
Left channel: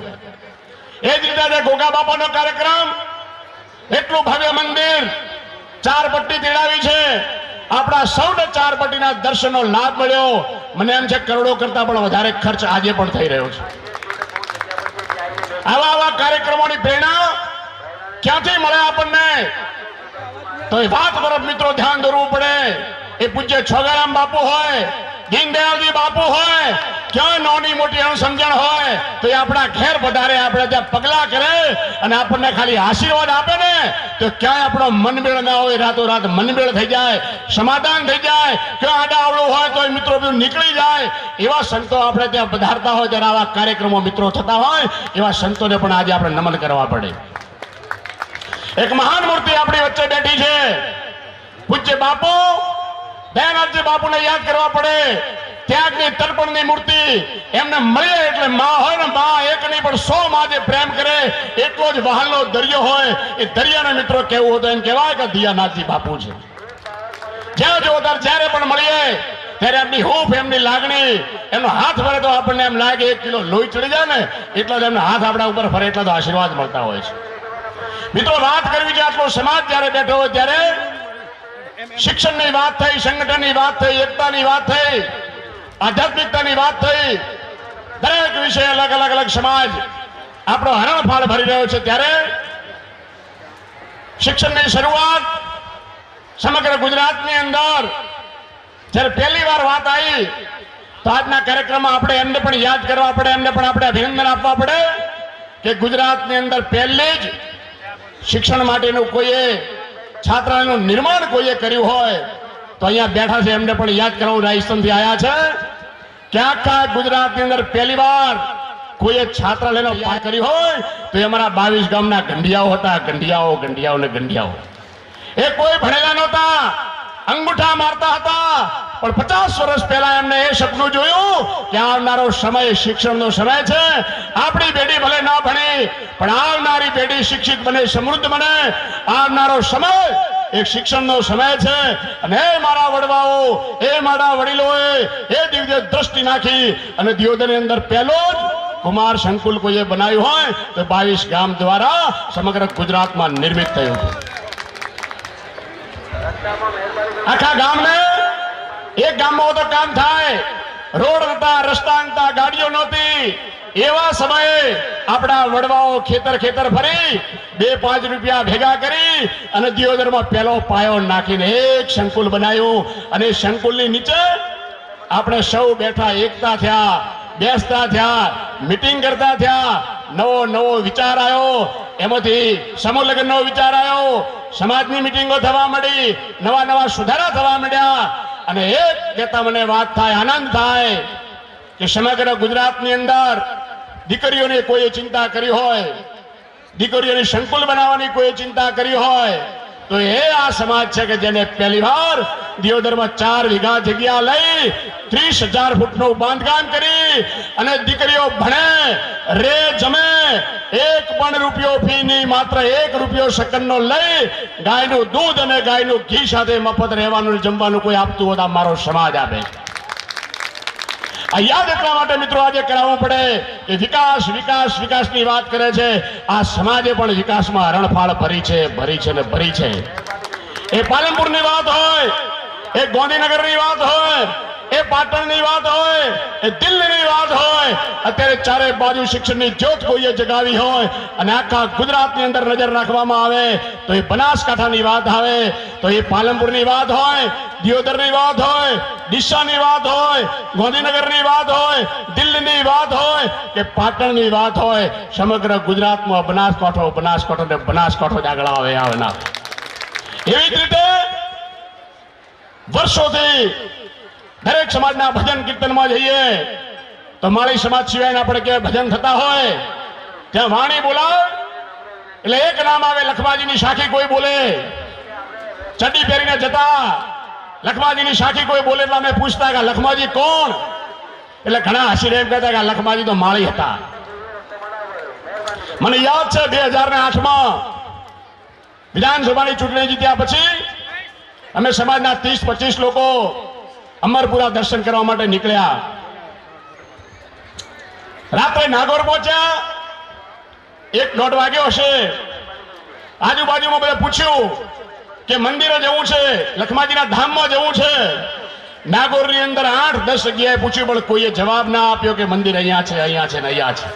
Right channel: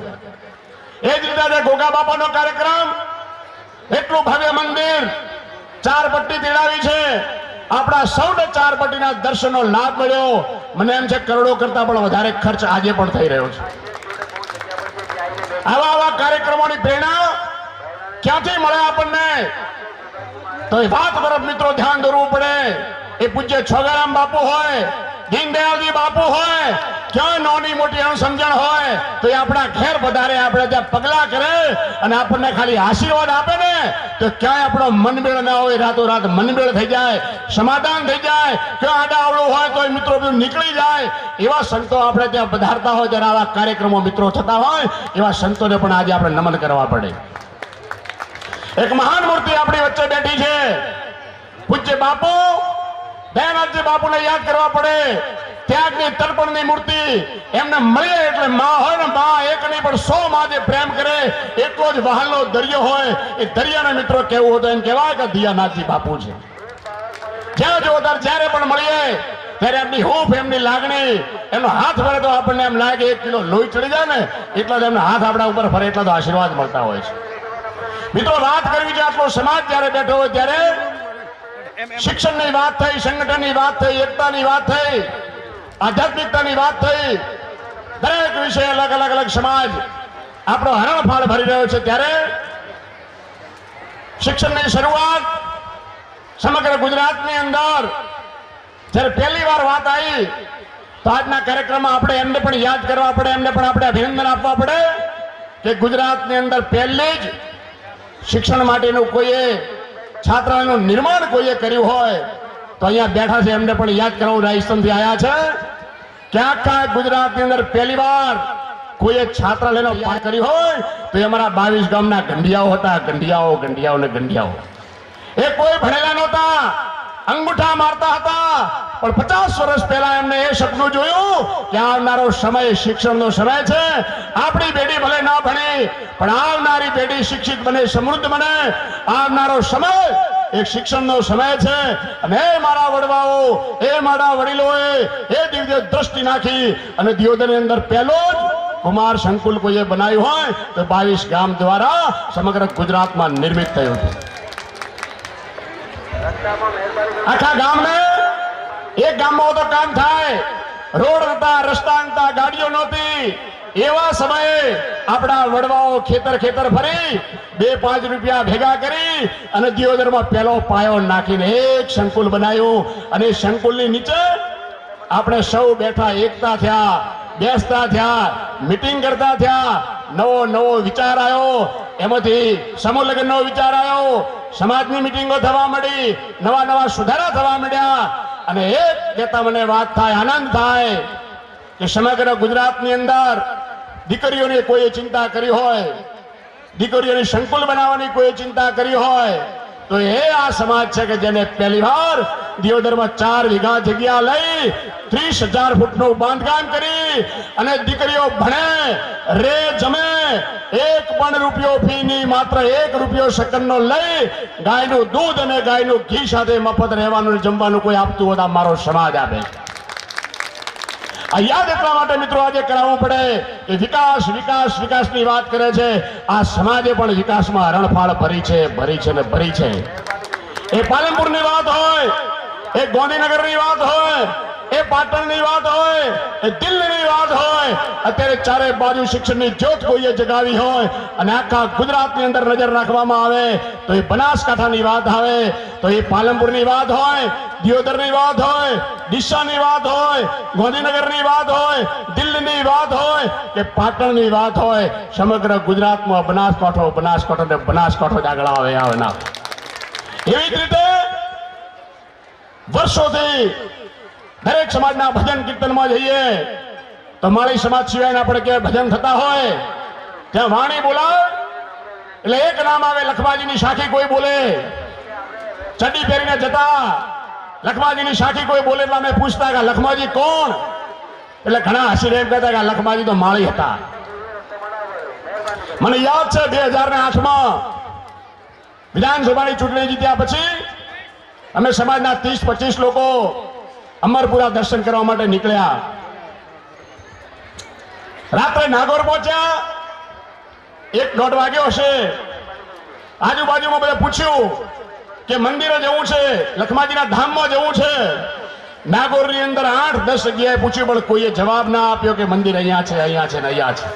એ જ રીતે ગોગા બાપાનો કાર્યક્રમ, એટલું ભવ્ય મંદિર, 4 પટ્ટી તેડાવી છે. આપણા સૌને 4 પટ્ટીના દર્શનનો લાભ મળ્યો. મને એમ છે કરોડો કરતા પણ વધારે ખર્ચ આજે પણ થઈ રહ્યો છે. આવા કાર્યક્રમોની પ્રેરણા ક્યાંથી મળે આપણને? તો એ વાત તરફ મિત્રો ધ્યાન દોરવું પડે. એ પૂજ્ય છોગારામ બાપુ હોય, દીનદયાલજી બાપુ હોય, ક્યાં નાની મોટી અણસમજણ હોય તો એ આપણા ઘેર પધારે, આપણે ત્યાં પગલા કરે અને આપણને ખાલી આશીર્વાદ આપે ને તો ક્યાંય આપણો મનમેળ ના હોય, રાતોરાત મનમેળ થઈ જાય, સમાધાન થઈ જાય. ક્યાં આડા આવડું હોય તો મિત્રો નીકળી જાય. એવા સંતો આપણે ત્યાં પધારતા હોય ત્યારે આવા કાર્યક્રમો મિત્રો થતા હોય એવા સંતોને પણ આજે આપણે નમન કરવા પડે. એક મહાન મૂર્તિ આપણી વચ્ચે બેઠી છે, પૂજ્ય બાપુ દયાનાથજી બાપુને યાદ કરવા પડે. ત્યાગની તર્પણની મૂર્તિ એમને મળીએ એટલે માં હોય ને, માં એક નહીં પણ 100 માં જે પ્રેમ કરે એટલો જ વહાલનો દરિયો હોય. એ દરિયાને મિત્રો કેવું હતું એમ કહેવાય કે દયાનાથજી બાપુ છે. જ્યાં જો જ્યારે પણ મળીએ ત્યારે એમની હૂંફ, એમની લાગણી, એમનો હાથ ફરે તો આપણને એમ લાગે 1 કિલો લોહી ચડી જાય ને એટલા જ એમના હાથ આપણા ઉપર ફરે એટલા તો આશીર્વાદ મળતા હોય છે. મિત્રો, વાત કરવી છે આટલો સમાજ જ્યારે બેઠો હોય ત્યારે શિક્ષણની વાત થઈ, સંગઠનની વાત થઈ, એકતાની વાત થઈ, આધ્યાત્મિકતાની વાત થઈ. દરેક વિષય અલગ અલગ સમાજ આપણો હરણફાળ ભરી રહ્યો છે, ત્યારે શિક્ષણની શરૂઆત સમગ્ર ગુજરાતની અંદર જ્યારે પહેલી વાર વાત આવી તો આજના કાર્યક્રમમાં આપણે એમને પણ યાદ કરવા પડે, એમને પણ આપણે અભિનંદન આપવા પડે કે ગુજરાતની અંદર પહેલી જ શિક્ષણ માટેનું કોઈએ છાત્રાલયનું નિર્માણ કોઈએ કર્યું હોય તો અહીંયા બેઠા છે એમને પણ યાદ કરવું, રાજસ્થાનથી આવ્યા છે કે આખા ગુજરાતની અંદર પહેલી વાર કોઈએ છાત્રાલયનો પાર કર્યો હોય તો એ અમારા 22 ગામના ગંઢિયાઓ હતા. ગંઢિયાઓ ને ગંઢિયાઓ એ કોઈ ભણેલા નહોતા, અંગૂઠા મારતા હતા, પણ 50 વર્ષ પહેલા એમને એ સપનું જોયું કે આવનારો સમય શિક્ષણનો સમય છે. આપણી પેઢી ભલે ના ભણે પણ આવનારી પેઢી શિક્ષિત બને, સમૃદ્ધ બને. આવનારો સમય એક શિક્ષણનો સમય છે. અને એ મારા વડવાઓ, એ મારા વડીલોએ એ દિવ્ય દ્રષ્ટિ નાખી અને દિયોદરની અંદર પહેલો જ કુમાર સંકુલ કોઈએ બનાવ્યું હોય તો 22 ગામ દ્વારા સમગ્ર ગુજરાતમાં નિર્મિત થયું હતું. આખા ગામને એક ગામમાં તો કામ થાય, રોડ નતા, રસ્તા નતા, ગાડીઓ નહોતી. એવા સમયે આપણા વડવાઓ ખેતર ફરી 2-5 રૂપિયા ભેગા કરી અને દિયોદરમાં પહેલો પાયો નાખીને એક સંકુલ બનાવ્યું. અને સંકુલની નીચે આપણે સૌ બેઠા, એકતા થયા, બેસતા થયા, મીટિંગ કરતા થયા. નવો વિચાર આવ્યો, એમાંથી સમૂહ લગ્નનો વિચાર આવ્યો, સમાજની મીટિંગો થવા માંડી, નવા સુધારા થવા માંડ્યા. અને એક કહેતા મને વાત થાય, આનંદ થાય કે સમગ્ર ગુજરાતની અંદર દીકરીઓની કોઈ ચિંતા કરી હોય, દીકરીઓની સંકુલ બનાવવાની કોઈ ચિંતા કરી હોય તો એ આ સમાજ છે કે જેને પહેલી વાર દિયોદરમાં 4 વીઘા જગ્યા લઈ 30,000 ફૂટનું બાંધકામ કરી અને દીકરીઓ ભણે, રે, જમે, 1 પણ રૂપિયો ફી નહીં, માત્ર 1 રૂપિયો સેકન્ડનો લઈ ગાયનું દૂધ અને ગાયનું ઘી સાથે મફત રહેવાનું જમવાનું કોઈ આપતું હોય તો મારો સમાજ આપે. આ યાદ એટલા માટે મિત્રો આજે કરાવવું પડે કે વિકાસની વાત કરે છે. આ સમાજે પણ વિકાસમાં હરણફાળ ભરી છે. એ પાલનપુરની વાત હોય, એ ગાંધીનગરની વાત હોય, એ પાટણની વાત હોય, એ દિલ્હીની વાત હોય, અત્યારે ચારે બાજુ શિક્ષણની જ્યોત કોઈએ જગાવી હોય અને આખા ગુજરાતની અંદર નજર રાખવામાં આવે તો એ બનાસકાંઠાની વાત આવે, તો એ પાલનપુરની વાત હોય, દિયોદરની વાત હોય, ડીસાની વાત હોય, ગાંધીનગરની વાત હોય, દિલ્હીની વાત હોય કે પાટણની વાત હોય, સમગ્ર ગુજરાતમાં બનાસકાંઠો જ આગળ આવે ના. એવી જ રીતે વર્ષોથી દરેક સમાજના ભજન કીર્તનમાં જઈએ તો માળી સમાજ સિવાયના આપણે ક્યાંય ભજન થતા હોય ત્યાં વાણી બોલાવે એટલે એક નામ આવે, લખમાજીની સાખી કોઈ બોલે, ચડ્ડી પહેરીને જતા લખમાજીની સાખી કોઈ બોલે એટલે અમે પૂછતા કે લખમાજી કોણ? એટલે ઘણા હસીને એમ કહેતા કે લખમાજી તો માળી હતા. મને યાદ છે 2008માં વિધાનસભાની ચૂંટણી જીત્યા પછી અમે સમાજના 30-25 લોકો અમરપુરા દર્શન કરવા માટે નીકળ્યા. રાત્રે નાગોર પહોંચ્યા, 1-1:30 વાગ્યો હશે. આજુબાજુમાં બધા પૂછ્યું કે મંદિરે જવું છે, લખમાજીના ધામમાં જવું છે. નાગોરની અંદર 8-10 જગ્યાએ પૂછ્યું પણ કોઈએ જવાબ ના આપ્યો કે મંદિર અહીંયા છે ને અહીંયા છે.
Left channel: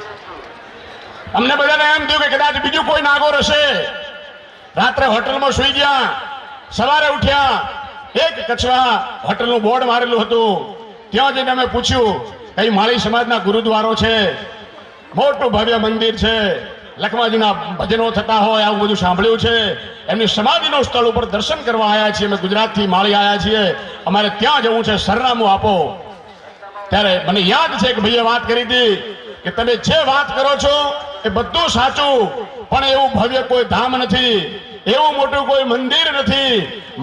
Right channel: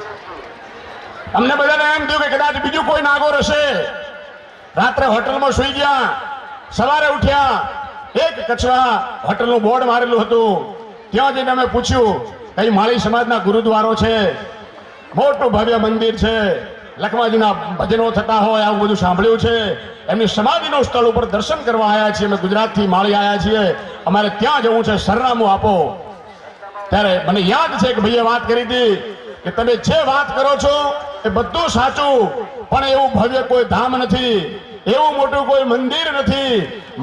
અમને બધાને એમ થયું કે કદાચ બીજું કોઈ નાગોર હશે. રાત્રે હોટલમાં સુઈ ગયા. સવારે ઉઠ્યા, એક કચવા હોટલનું બોર્ડ મારેલું હતું, ત્યાં જઈને અમે પૂછ્યું કઈ માળી સમાજના ગુરુદ્વારો છે, મોટું ભવ્ય મંદિર છે, લખમાજીના ભજનો થતા હોય આવું બધું સાંભળ્યું છે, એમની સમાધિનું સ્થળ ઉપર દર્શન કરવા આવ્યા છીએ, અમે ગુજરાતથી માળી આવ્યા છીએ, અમારે ત્યાં જવું છે, સરનામું આપો. ત્યારે મને યાદ છે કે ભાઈએ વાત કરી હતી કે તમે જે વાત કરો છો એ બધું સાચું, પણ એવું ભવ્ય કોઈ ધામ નથી, એવું મોટું કોઈ મંદિર નથી.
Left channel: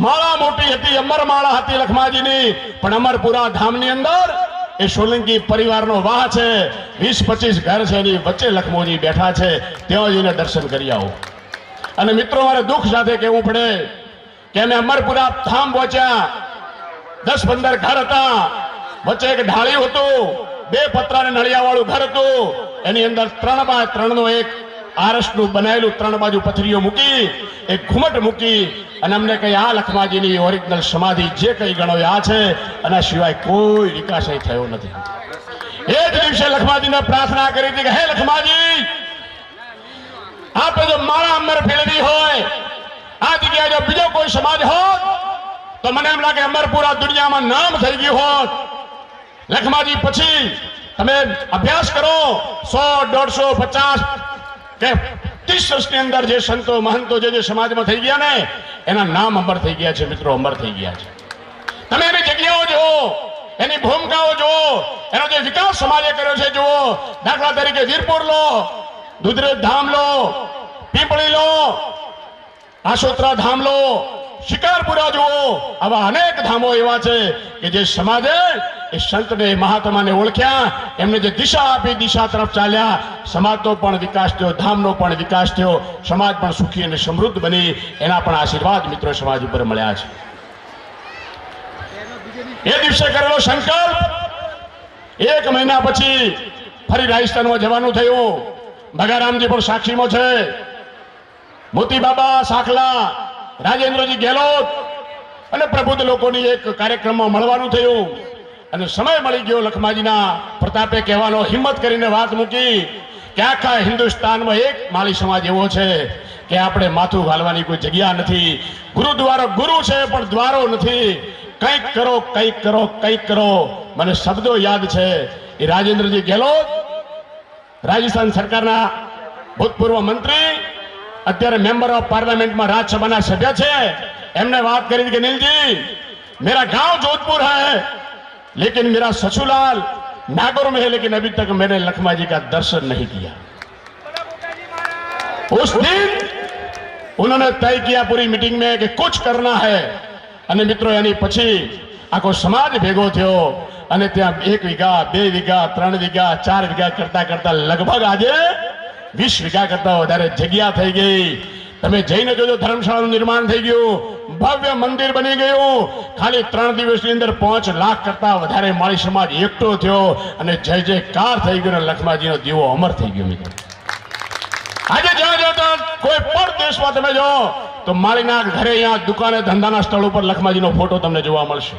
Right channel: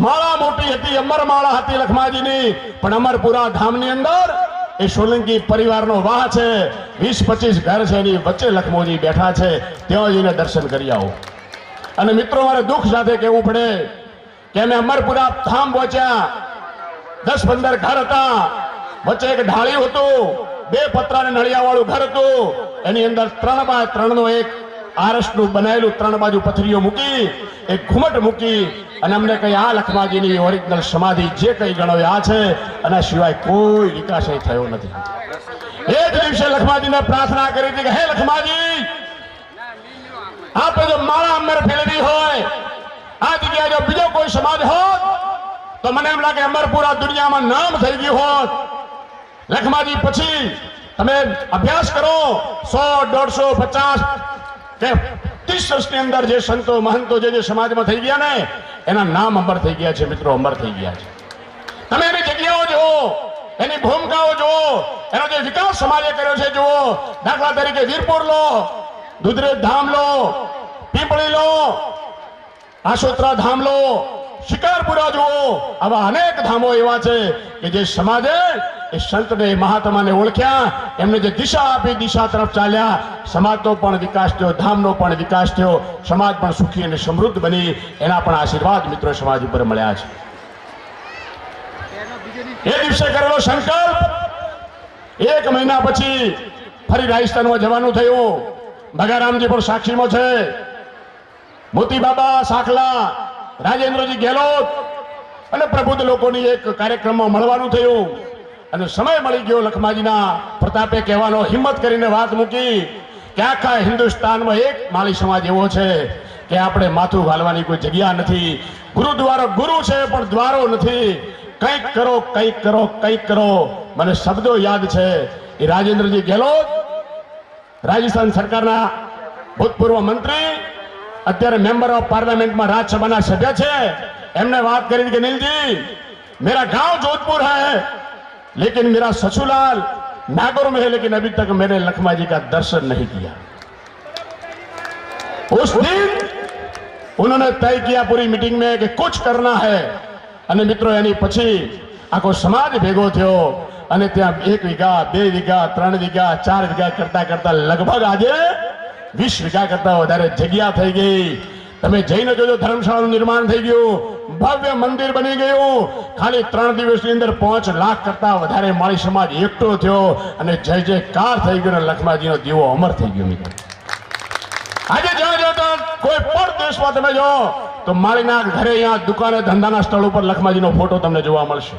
માળા મોટી હતી, અમરમાળા હતી લખમાજીની, પણ અમરપુરા ધામની અંદર એ સોલંકી પરિવારનો વાહ છે, 20-25 ઘર છે, એની વચ્ચે લખમોજી બેઠા છે, ત્યાં જઈને દર્શન કરી આવો. અને મિત્રો મારે દુઃખ સાથે કહેવું પડે કે અમે અમરપુરા ધામ પહોંચ્યા, 10-15 ઘર હતા, વચ્ચે એક ઢાળિયું હતું, 2 પતરાને નળિયાવાળું ઘર હતું, એની અંદર 3x3 એક આરસનું બનાવેલું 3 બાજુ પથરીઓ મૂકી, એક ઘુમટ મૂકી અને અમને કઈ આ લખમાજીની ઓરિજિનલ સમાધિ જે કઈ ગણો આ છે, અને સિવાય કોઈ વિકાસ થયો નથી. એ જ દિવસે લખમાજીને પ્રાર્થના કરી હતી કે હે લખમાજી, આપણે જો મારા અમર ફેરવી હોય, આ જગ્યાએ જો બીજો કોઈ સમાજ હોત તો મને એમ લાગે અમરપુરા દુનિયામાં નામ થઈ ગયું હોત. લખમાજી પછી તમે અભ્યાસ કરો 100, 150, 50 કે 30 વર્ષની અંદર જે સંતો મહંતો જે સમાજમાં થઈ ગયા ને એના નામ અમર થઈ ગયા છે મિત્રો, અમર થઈ ગયા છે. તમે એની જગ્યાઓ જુઓ, એની ભૂમિકાઓ જુઓ, એનો જે વિકાસ સમાજે કર્યો છે જુઓ. દાખલા તરીકે વીરપુર લો, દુધરેજ ધામ લો, પીપળી લો, આશોત્રા ધામ લો, શિકારપુરા જુઓ. આવા અનેક ધામો એવા છે કે જે સમાજે એ સંતને મહાત્માને ઓળખ્યા, એમને જે દિશા આપી દિશા તરફ ચાલ્યા. સમાજનો પણ વિકાસ થયો, ધામનો પણ વિકાસ થયો, સમાજ પણ સુખી અને સમૃદ્ધ બની. એના પણ આશીર્વાદ મિત્રો સમાજ ઉપર મળ્યા છે. એ દિવસે કરેલો સંકલ્પ 1 મહિના પછી ફરી રાજસ્થાનમાં જવાનું થયું. ભગારામજી પણ સાક્ષીમાં છે, મોતી બાબા સાખલા, રાજેન્દ્રજી ગેહલોત અને પ્રબુદ્ધ લોકોની એક કાર્યક્રમમાં મળવાનું થયું. અને સમય મળી ગયો લખમાજીના પ્રતાપે કહેવાનો, હિંમત કરીને વાત મૂકી કે આખા હિન્દુસ્તાનમાં એક માળી સમાજ એવો છે કે આપણે માથું ઘાલવાની કોઈ જગ્યા નથી. ગુરુદ્વારો ગુરુ છે પણ દ્વારો નથી. કંઈક કરો, કંઈક કરો, કંઈક કરો. મને શબ્દો યાદ છે એ રાજેન્દ્રજી ગેહલોત, રાજસ્થાન સરકારના ભૂતપૂર્વ મંત્રી, અત્યારે મેમ્બર ઓફ પાર્લામેન્ટમાં રાજ્યસભાના સભ્ય છે. એમને વાત કરી કે નીલજી, मेरा गांव जोधपुर है लेकिन मेरा ससुराल नागौर में है, लेकिन अभी तक मैंने लखमा जी का दर्शन नहीं किया. उस दिन उन्होंने तय किया पूरी मीटिंग में कि कुछ करना है. અને મિત્રો એની પછી આખો સમાજ ભેગો થયો અને ત્યાં 1 વીઘા, 2 વીઘા, 3 વીઘા, 4 વીઘા કરતા કરતા લગભગ આજે 20 વીઘા કરતા વધારે જગ્યા થઈ ગઈ. તમે જઈને જોજો, ધર્મશાળાનું નિર્માણ થઈ ગયું, ભવ્ય મંદિર બની ગયું. ખાલી 3 દિવસની અંદર 5 લાખ કરતા વધારે માળી સમાજ એકઠો થયો અને જય જયકાર થઈ ગયો અને લખમાજીનો દીવો અમર થઈ ગયો. મિત્રો આજે જ્યાં જો કોઈ પણ દેશમાં તમે જો તો માળીના ઘરે, અહીંયા દુકાને, ધંધાના સ્થળ ઉપર લખમાજીનો ફોટો તમને જોવા મળશે.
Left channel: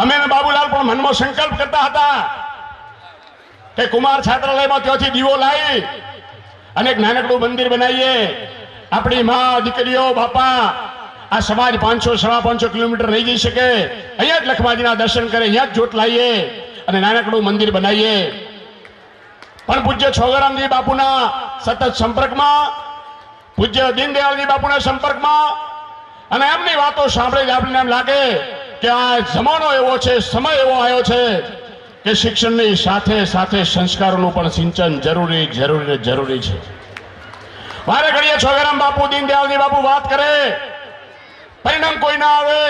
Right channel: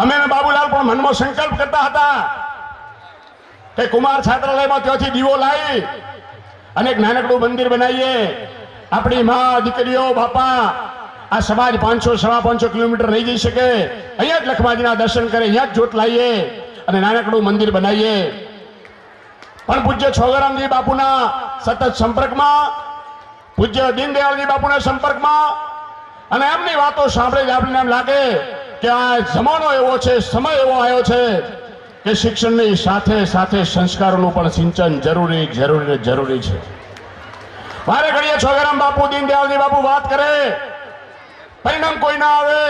અમે બાબુલાલ પણ મનમાં સંકલ્પ કરતા હતા કે કુમાર છાત્રાલયમાં ત્યાંથી દીવો લાવી અને એક નાનકડું મંદિર બનાવીએ. આપણી મા દીકરીઓ બાપા આ સમાજ 500-550 કિલોમીટર નહીં જઈ શકે, અહીંયા જ લખમાજીના દર્શન કરે, અહીંયા જ જોત લાવીએ અને નાનકડું મંદિર બનાવીએ. પણ પૂજ્ય છોગરામજી બાપુના સતત સંપર્કમાં, પૂજ્ય દીનદયાળજી બાપુના સંપર્કમાં અને એમની વાતો સાંભળી આપણને એમ લાગે કે આ જમાનો એવો છે, સમય એવો આવ્યો છે કે શિક્ષણની સાથે સાથે સંસ્કારોનું પણ સિંચન જરૂરી છે. વારે ઘડીએ છોગરામ બાપુ, દીનદયાળજી બાપુ વાત કરે, પરિણામ કોઈ ના આવે.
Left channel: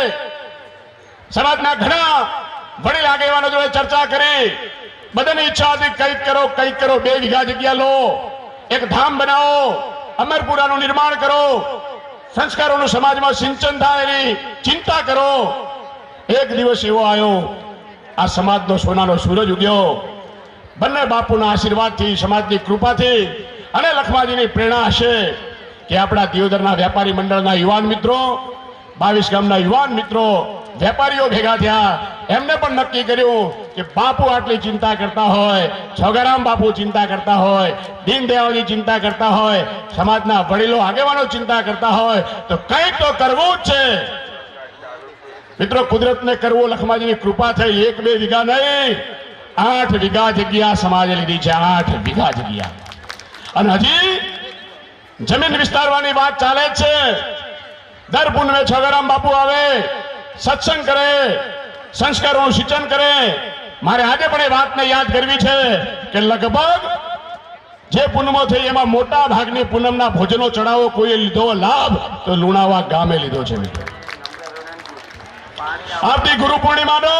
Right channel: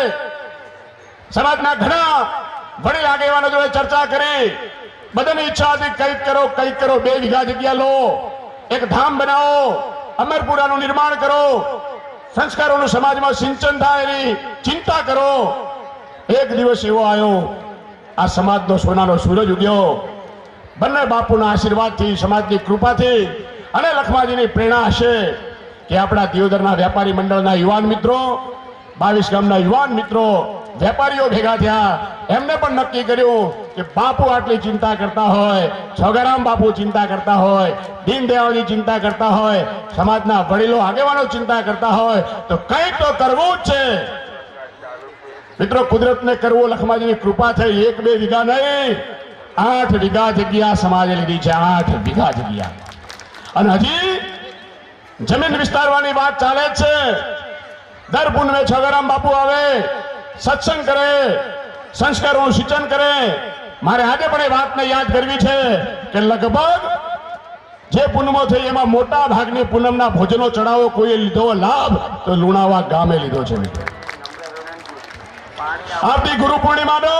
સમાજના ઘણા વડીલ આગેવાનો જોડે ચર્ચા કરી, બધાની ઈચ્છા હતી કંઈક કરો, કંઈક કરો. 2 વીઘા જગ્યા લો, એક ધામ બનાવો, અમરપુરાનું નિર્માણ કરો, સંસ્કારોનું સમાજમાં સિંચન થાય એની ચિંતા કરો. એક દિવસ એવો આવ્યો, આ સમાજનો સોનાનો સૂરજ ઉગ્યો. બંને બાપુના આશીર્વાદથી, સમાજની કૃપાથી અને લખમાજીની પ્રેરણા હશે કે આપણા દિયોદરના વેપારી મંડળના યુવાન મિત્રો, 22 ગામના યુવાન મિત્રો, વેપારીઓ ભેગા થયા. એમને પણ નક્કી કર્યું કે બાપુ આટલી ચિંતા કરતા હોય, છોગરામ બાપુ ચિંતા કરતા હોય, દીનદયાળજી ચિંતા કરતા હોય, સમાજના વડીલો આગેવાનો ચિંતા કરતા હોય તો કંઈક તો કરવું જ છે. મિત્રો કુદરતને કરવું, લખમાજીની કૃપા થઈ. 1-2 વીઘા નહીં, 8 વીઘા જગ્યા સમાજે લીધી છે. 8 વીઘા જગ્યા. અને હજી જમીન વિસ્તારવાની વાત ચાલે જ છે. દર પૂનમે છોગરામ બાપુ આવે, સત્સંગ કરે, સંસ્કારોનું સિંચન કરે. મારે આજે પણ એ વાતને યાદ કરવી છે કે લગભગ જે પૂનમો થઈ એમાં મોટા ભાગની પૂનમના ભોજનો ચડાવો કોઈએ લીધો લાભ તો લુણાવા ગામે લીધો છે. આવતી ગુરુ પૂર્ણિમાનો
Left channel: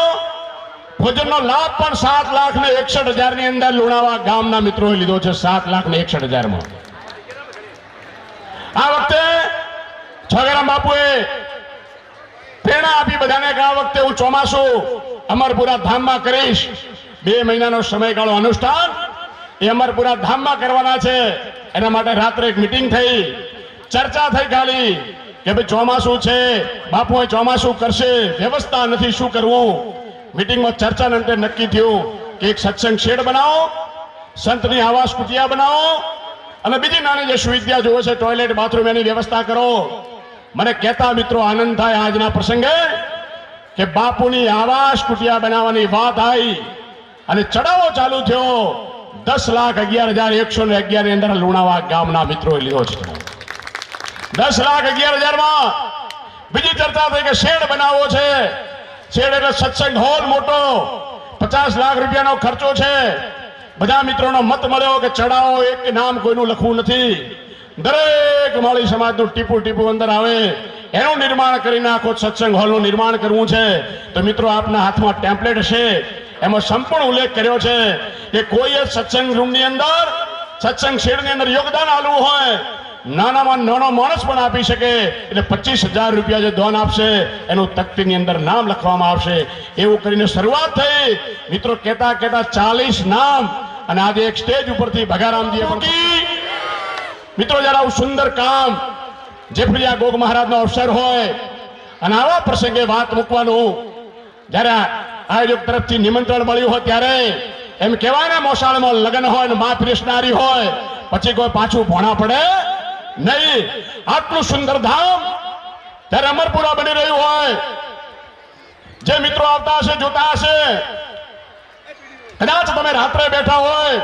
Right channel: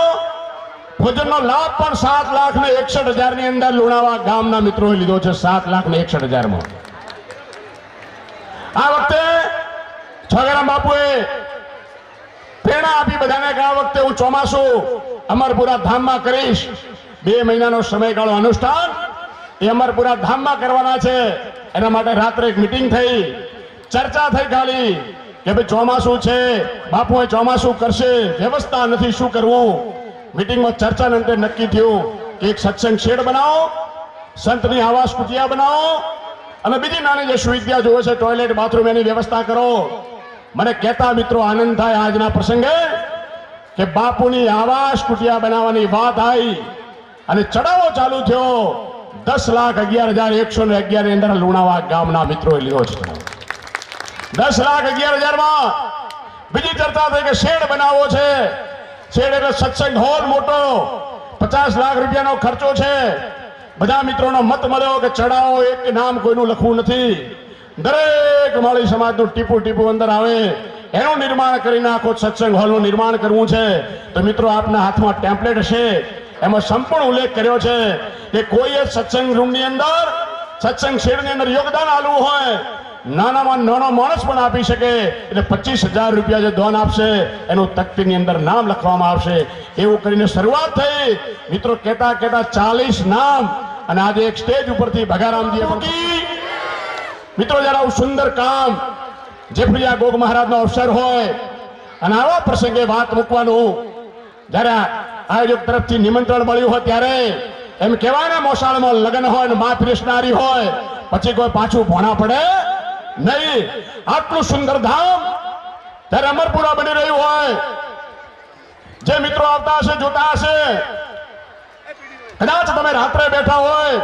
ભોજનનો લાભ પણ 7,61,000 ની અંદર લુણાવા ગામના મિત્રોએ લીધો છે. 7,61,000 માં. આ વખતે છોગરામ બાપુએ પ્રેરણા આપી બધાને કે આ વખતે હું ચોમાસું અમરપુરા ધામમાં કરીશ. 2 મહિનાનો સમયગાળો અનુષ્ઠાન એ અમરપુરા ધામમાં કરવાના છે. એના માટે રાત્રે એક મીટિંગ થઈ, ચર્ચા થઈ ખાલી કે ભાઈ ચોમાસું છે, બાપુએ ચોમાસું કરશે, વ્યવસ્થા નથી, શું કરવું. મીટિંગમાં ચર્ચા અંતે નક્કી થયું કે એક સત્સંગ શેડ બનાવો, સંતની આવાસ કુટિયા બનાવો, અને બીજી નાની જે સુવિધા જોવે છે, ટોયલેટ બાથરૂમ, એની વ્યવસ્થા કરો. મને કહેતા મિત્રો આનંદ થાય આજના પ્રસંગે કે બાપુની આવાસ કુટિયા બનાવવાની વાત આવી અને ચડાવો ચાલુ થયો. 10,11,111 ની અંદર લુણાવા ગામના મિત્રોએ લીધો છે. 10,11,000 માં બીજી ચર્ચા થઈ કે શેડ બનાવવો છે. શેડ એટલે સત્સંગ હોલ મોટો, 50 લાખ રૂપિયાનો ખર્ચો છે. બધા મિત્રોનો મત મળ્યો કે ચડાવો એક નામ કોઈનું લખવું નથી, દરેક માળી સમાજનું ટીપું ટીપું અંદર આવે એનું નિર્માણ કરીને આખો સત્સંગ હોલનું નિર્માણ કરવું છે. તો મિત્રો આપના હાથમાં ટેમ્પલેટ હશે, એમાં સંપૂર્ણ ઉલ્લેખ કર્યો છે કે કોઈ સત્સંગ રૂમની અંદર, સત્સંગ શેડની અંદર યોગદાન આલવું હોય, નાનામાં નાનો માણસ પણ આપી શકે. એટલે 25,000 રૂપિયા જે દાન આપશે એનું તકતીની અંદર નામ લખવામાં આવશે. એવું કરીને શરૂઆત થઈ. મિત્રો કહેતા 40 નામ, અને આજે એક સ્ટેજ ઉપરથી ભગારામજીએ મૂકી. મિત્રો જરા આવું સુંદર કામ જેફળિયા ગોગ મહારાજનો અવસર હોય અને આવા પ્રસંગે વાત મૂકવાનું, જ્યારે આયોજક તરફથી નિમંત્રણ મળ્યું હોય ત્યારે એમ કહેવાય ને, મોસાળમાં લગ્ન હોય ને મા પીરસનારી હોય, પછી કોઈ પાછું ભોણા પડે નહીં. આટલું સુંદર ધામ ત્યારે અમરપુરા બની રહ્યું હોય, જે મિત્રો આવતા હશે, જોતા હશે, કદાચ તમે રાત્રે બેઠા હોય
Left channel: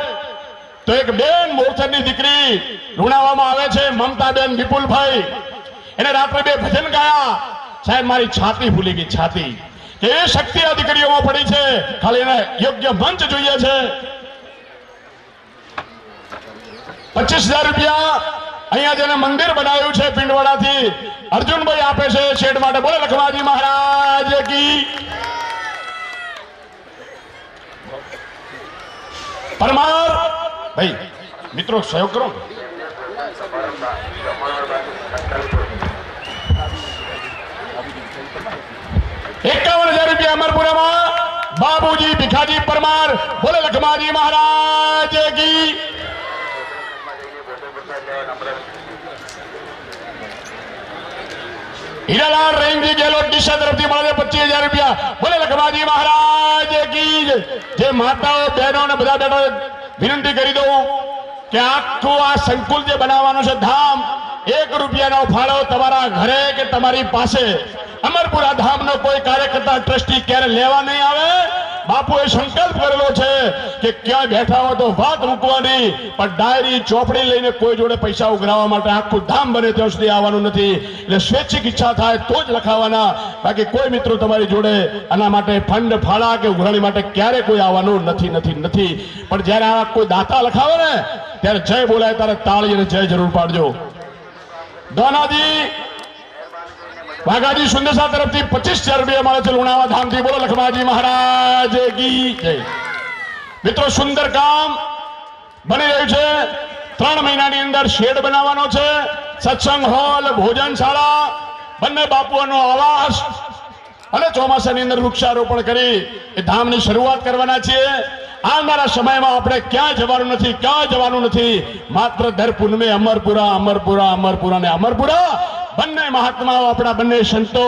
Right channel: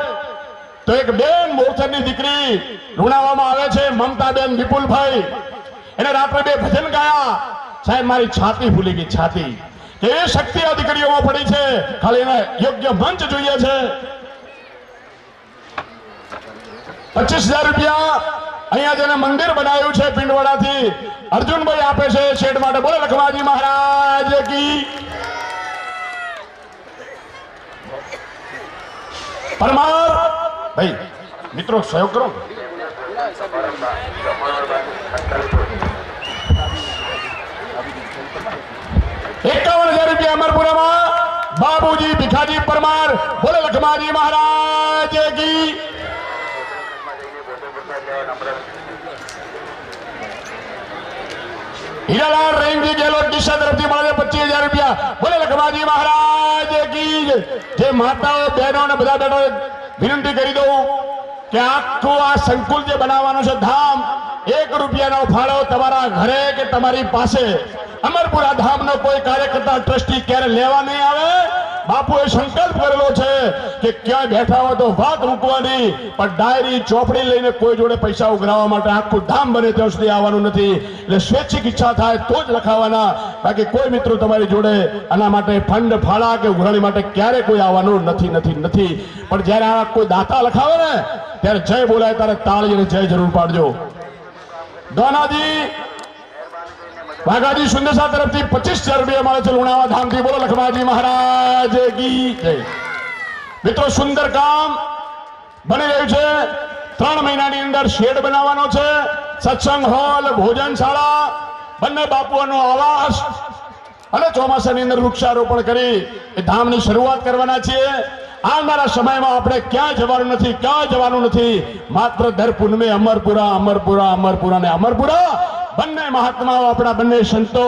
તો એક બેન મોરચરની દીકરી લુણાવામાં આવે છે, મમતાબેન વિપુલભાઈ, એને રાત્રે 2 ભજન ગાયા. સાહેબ મારી છાતી ફૂલી ગઈ, છાતી. કે એ શક્તિ આ દીકરીઓમાં પડી છે, ખાલી એને યોગ્ય મંચ જોઈએ છે. 25,000 રૂપિયા અહીંયા જેને મંદિર બનાવ્યું છે પિંડવાડાથી અર્જુનભાઈ આપે છે શેડ માટે. બોલે લખમાજી મહારાજ કી. પરમાર ભાઈ મિત્રો સહયોગ કરો. 51,000 રૂપિયા અમરપુરામાં બાબુજી ભીખાજી પરમાર. બોલે લખમાજી મહારાજ કી. હીરાલાલ રેંગજી ગેલોટ દિશા તરફથી મળે 25,000 રૂપિયા. બોલે લખમાજી મહારાજ કી. જે માતાઓ બહેનો અને બધા બેઠો વિનંતી કરી દઉં કે આખું આ સંકુલ જે બનાવવાનું છે ધામ, 1 રૂપિયાનો ફાળો તમારા ઘરે કે તમારી પાસે અમરપુરા ધામનો કોઈ કાર્યકર્તા ટ્રસ્ટી ક્યારે લેવા નહીં આવે. બાપુએ સંકલ્પ કરેલો છે કે ક્યાં બેઠા હોય તો વાત મૂકવાની, પણ ડાયરી ચોપડી લઈને કોઈ જોડે પૈસા ઉઘરાવવા માટે આખું ધામ બને ત્યાં સુધી આવવાનું નથી. એટલે સ્વૈચ્છિક ઈચ્છા થાય તો જ લખાવાના, બાકી કોઈ મિત્રો તમારી જોડે આના માટે ફંડ ફાળા કે ઉઘરાણી માટે ક્યારે કોઈ આવવાનું નથી. પણ જ્યારે આવા કોઈ દાતા લખાવે ને ત્યારે જય બોલાય ત્યારે તાળી અને જય જરૂર પાડજો. દોનાજી વાઘાજી સુંદરસા તરફથી 25,000 રૂપિયા મળે છે લુણાવા ધામથી. બોલો લખમાજી મહારાજ કી જય. મિત્રો સુંદર કામ બની રહ્યું છે. 3 મહિનાની અંદર શેડ બનાવવાનો છે, સત્સંગ હોલ, ભોજનશાળા, બંને બાપુઓનો આવાસ, અને ચોમાસાની અંદર વૃક્ષારોપણ કરી એ ધામની શરૂઆત કરવાના છીએ. આવનારા સમયમાં આપણે ક્યાં જવાનું નથી. માત્ર દર પૂનમે અમરપુરા ને અમરપુરા. બંને મહાત્માઓ, આપણા બંને સંતો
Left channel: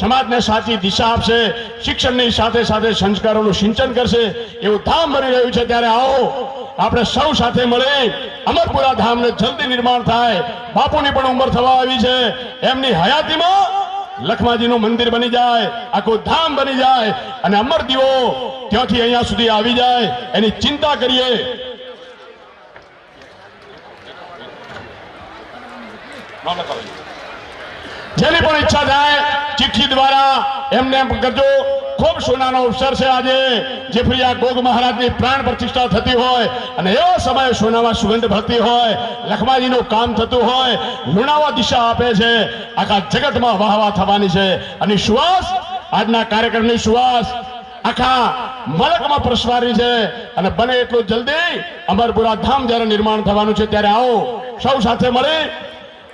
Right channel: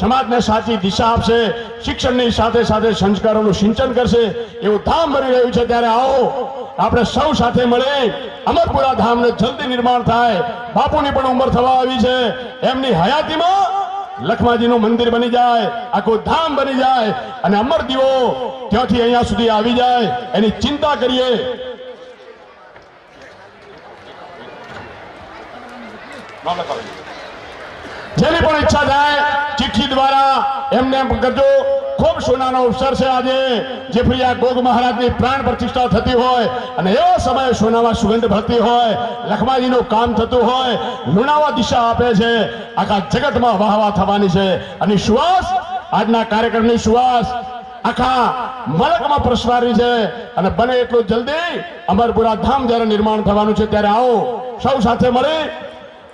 સમાજને સાચી દિશા આપશે, શિક્ષણની સાથે સાથે સંસ્કારોનું સિંચન કરશે. એવું ધામ બની રહ્યું છે. ત્યારે આવો આપણે સૌ સાથે મળી અમરપુરા ધામને જલ્દી નિર્માણ થાય. બાપુની પણ ઉંમર થવા આવી છે, એમની હયાતીમાં લખમાજીનું મંદિર બની જાય, આખું ધામ બની જાય, અને અમરદીવો ત્યાંથી અહીંયા સુધી આવી જાય, એની ચિંતા કરીએ. જેની પણ ઈચ્છા થાય ચિઠ્ઠી દ્વારા એમને એમ કરજો. ખૂબ સોનાનો અવસર છે આજે. જેફળિયા ગોગ મહારાજની પ્રાણ પ્રતિષ્ઠા થતી હોય અને એવા સમયે સોનામાં સુગંધ ભરતી હોય, લખમાજીનું કામ થતું હોય, લુણાવા દિશા આપે છે, આખા જગતમાં વાહવા થવાની છે. અને સુવાસ, આજના કાર્યક્રમની સુવાસ આખા મલકમાં પ્રસવારી છે. અને બને એટલું જલ્દી અમરપુરા ધામ જ્યારે નિર્માણ થવાનું છે ત્યારે આવો સૌ સાથે મળી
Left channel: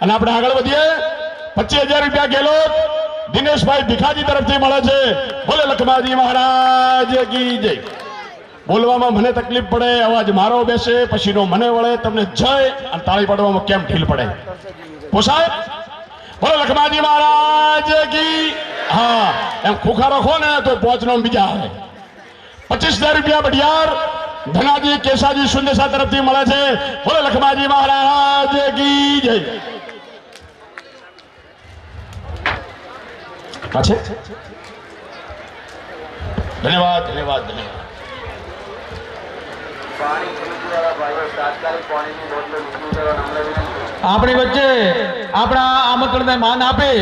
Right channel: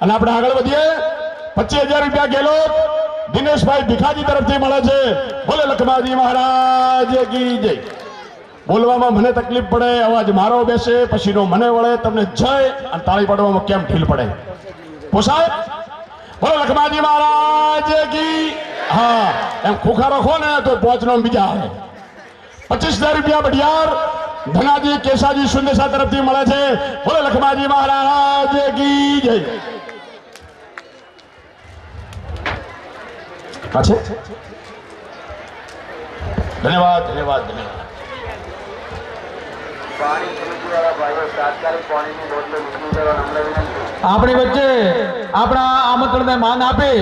અને આપણે આગળ વધીએ. 25,000 રૂપિયા ગેલોટ દિનેશભાઈ ભીખાજી તરફથી મળે છે. બોલે લખમાજી મહારાજ કી જય. બોલવામાં મને તકલીફ પડે, અવાજ મારો બેસે, પછીનો મને વળે, તમને જય અને તાળી પાડવામાં કેમ ઢીલ પડે? પોસાય? બોલે લખમાજી મહારાજ કી. હા, એમ ખુખારો ખો ને તો 5 નો બીજા આવે. 25,000 રૂપિયા બઢિયાર ધનાજી કેશાજી સુંદેસા તરફથી મળે છે. બોલો લખમાજી મહારાજ કી જય. પાછે ધન્યવાદ ધન્યવાદ ધન્યવાદ. આપણી વચ્ચે આપણા આમંત્રણને માન આપી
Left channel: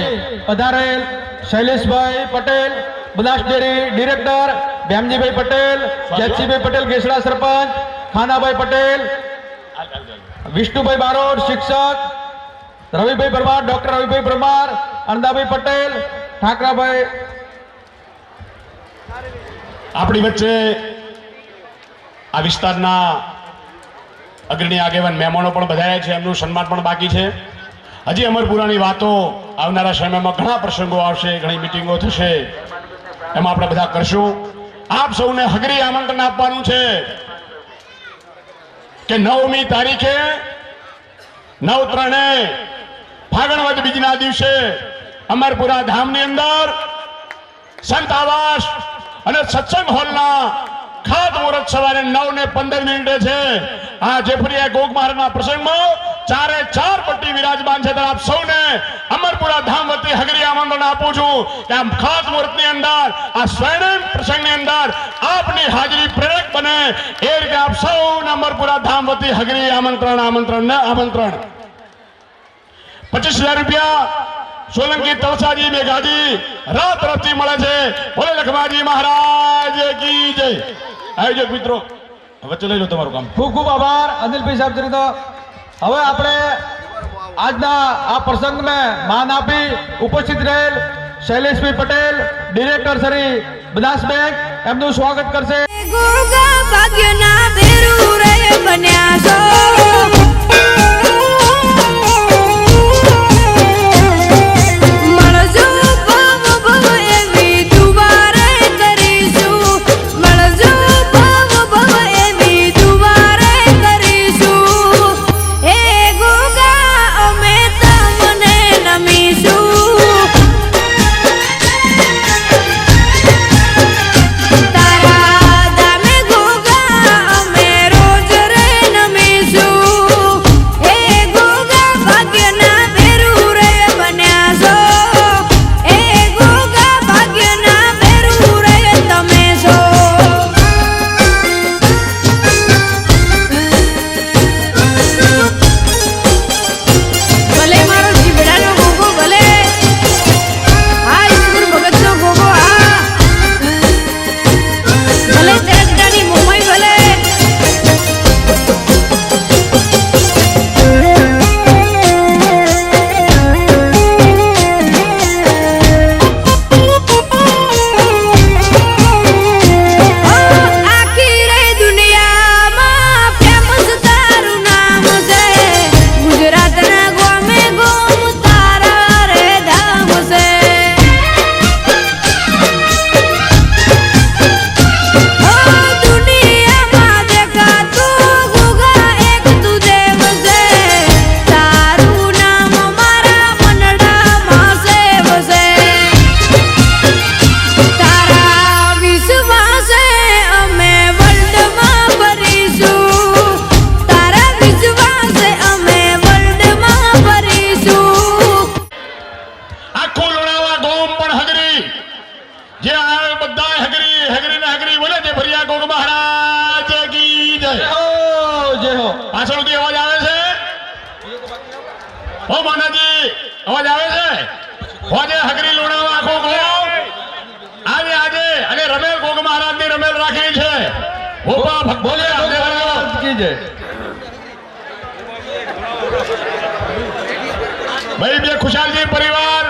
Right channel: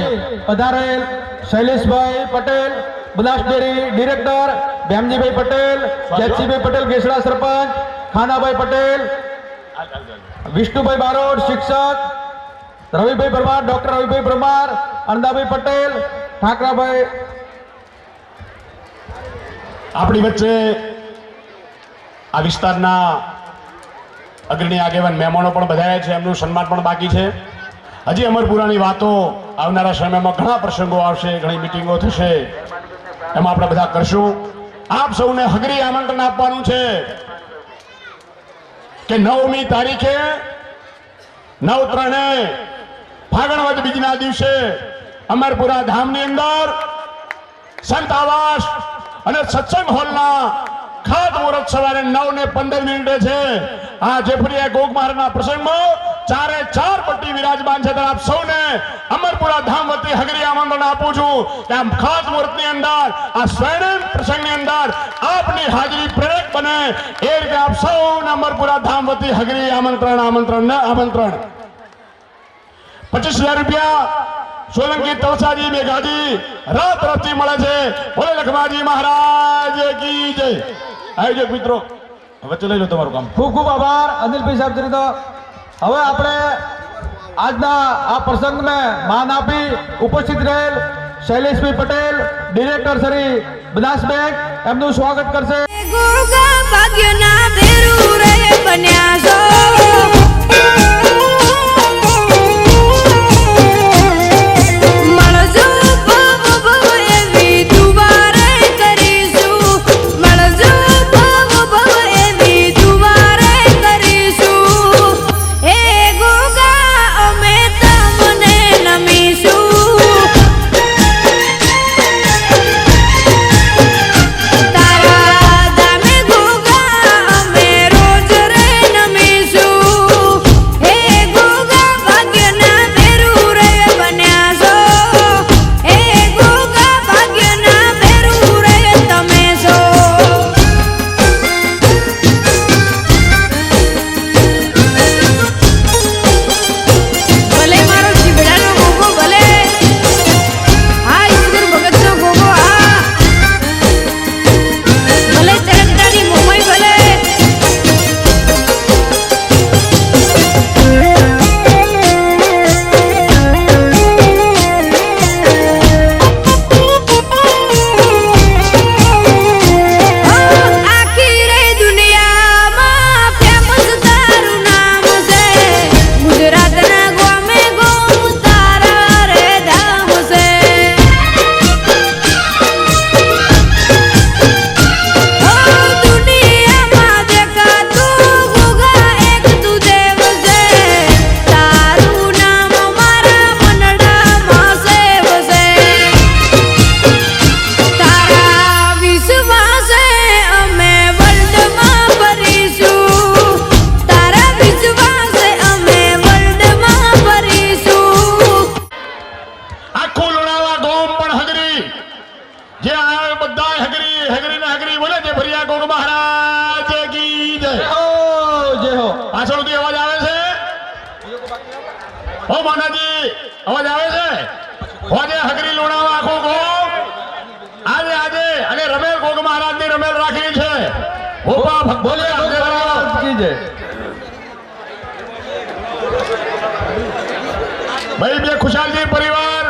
પધારેલ શૈલેષભાઈ પટેલ બનાસ ડેરી ડિરેક્ટર, ભેમજીભાઈ પટેલ, જેતસીભાઈ પટેલ ગેસડા સરપંચ, ખાનાભાઈ પટેલ, વિષ્ણુભાઈ બારોટ શિક્ષક, રવિભાઈ પરમાર, ડોક્ટર રવિભાઈ પરમાર, અણદાભાઈ પટેલ, ઠાકરાભાઈ. આપણી વચ્ચે આ વિસ્તારના અગ્રણી આગેવાન મહેમાનો પણ બધાયા છે. એમનું સન્માન પણ બાકી છે. હજી અમરપુરાની વાતો આવનારા સમયમાં ઘણા પ્રસંગો આવશે, ઘણી મિટિંગો થશે, એમાં આપણે બધા કરશું. આપ સૌને હગરી આમંત્રણ આપવાનું છે કે 9મી તારીખે 9/3 ફાગણ વદ બીજના દિવસે અમરપુરા ધામની અંદર સંત આવાસ અને સત્સંગ હોલના ખાત મુહૂર્ત સવારે 9:15 છે. આ જેફરિયા ગોગ મહારાજના પ્રસંગમાં 4 પટ્ટી વિરાજમાન છે. આપ સૌને અમરપુરા ધામ વતી હગરી આમંત્રણ આપું છું કે આ ખાસ મુહૂર્તની અંદર, આ સ્વર્ણિમ પ્રસંગની અંદર આપની હાજરી પ્રેરક બને એ રીતે આપ સૌને અમરપુરા ધામ વતી હગરી આમંત્રણ આમંત્રણ ને આમંત્રણ. 25,000 રૂપિયા સોલંકી તલસાજી મેઘાજી રાત તરફથી મળે છે. બોલે લખમાજી મહારાજ કી જય. આયોજક મિત્રો વચ્ચે લઈ લો તમારું કામ. ખૂબ ખૂબ આભાર અનિલભાઈ સાહેબ શ્રી. તો હવે આપણે આજના આ પ્રસંગને માન આપી ઉપસ્થિત રહેલ શૈલેષભાઈ પટેલ ડિરેક્ટર શ્રી બનાસ બેંક એમનું સ્વાગત કરશે. ગોગા ભાગ્યના ભેરું રે બન્યા છો. મળજો ભવ ભવ એવી દુવારે કરીશું. મળજો ભવ ભવ એવી દુવારે કરીશું. એ ગોગા અમે તમને નમીશું. તારા દામે ગોગા અમે રોજ રે નમીશું. એ ગોગા ભાગ્યના ભેરું રે બન્યા છો. એ ગોગા ભાગ્યના ભેરું રે તમે છો. ભલે મારો જીવડાનો ગોગો, ભલે હા ઈશ્વર ભગતનો ગોગો, હા ભલે ચરકડાની મોમાઈ, ભલે આખી રે દુનિયામાં ફેમસ તારું નામ છે. ગુજરાતના ગોમે ગોમ તારા રે ધામ છે. દુનિયામાં દેખાતું ગોગા એક તું દેવ છે. તારું નામ મારા મનડામાં સેવ છે. તારા વિશ્વાસે અમે વર્લ્ડમાં ફરીશું. તારા વિશ્વાસે અમે વર્લ્ડમાં ફરીશું. આખું લોણાવા ગોમ પણ હગરી જે આ બધા હગરી હગરી ને હગરી બોલે છે. ભરિયા ગોગ મહારાજ કી જય. જય હો. પાછળથી અવાજ આવે છે? ઓ માનાજી અવાજ આવે છે? હોજે હગરી લોણાવા આખો ગોમ આજે આજે અને રમેલ ગોગ મહારાજ ની રમેલ રાખી છે. ભોપા ભગોલે મહારાજ કી જય. ભાઈ બે ખુશાલજી પરિવાર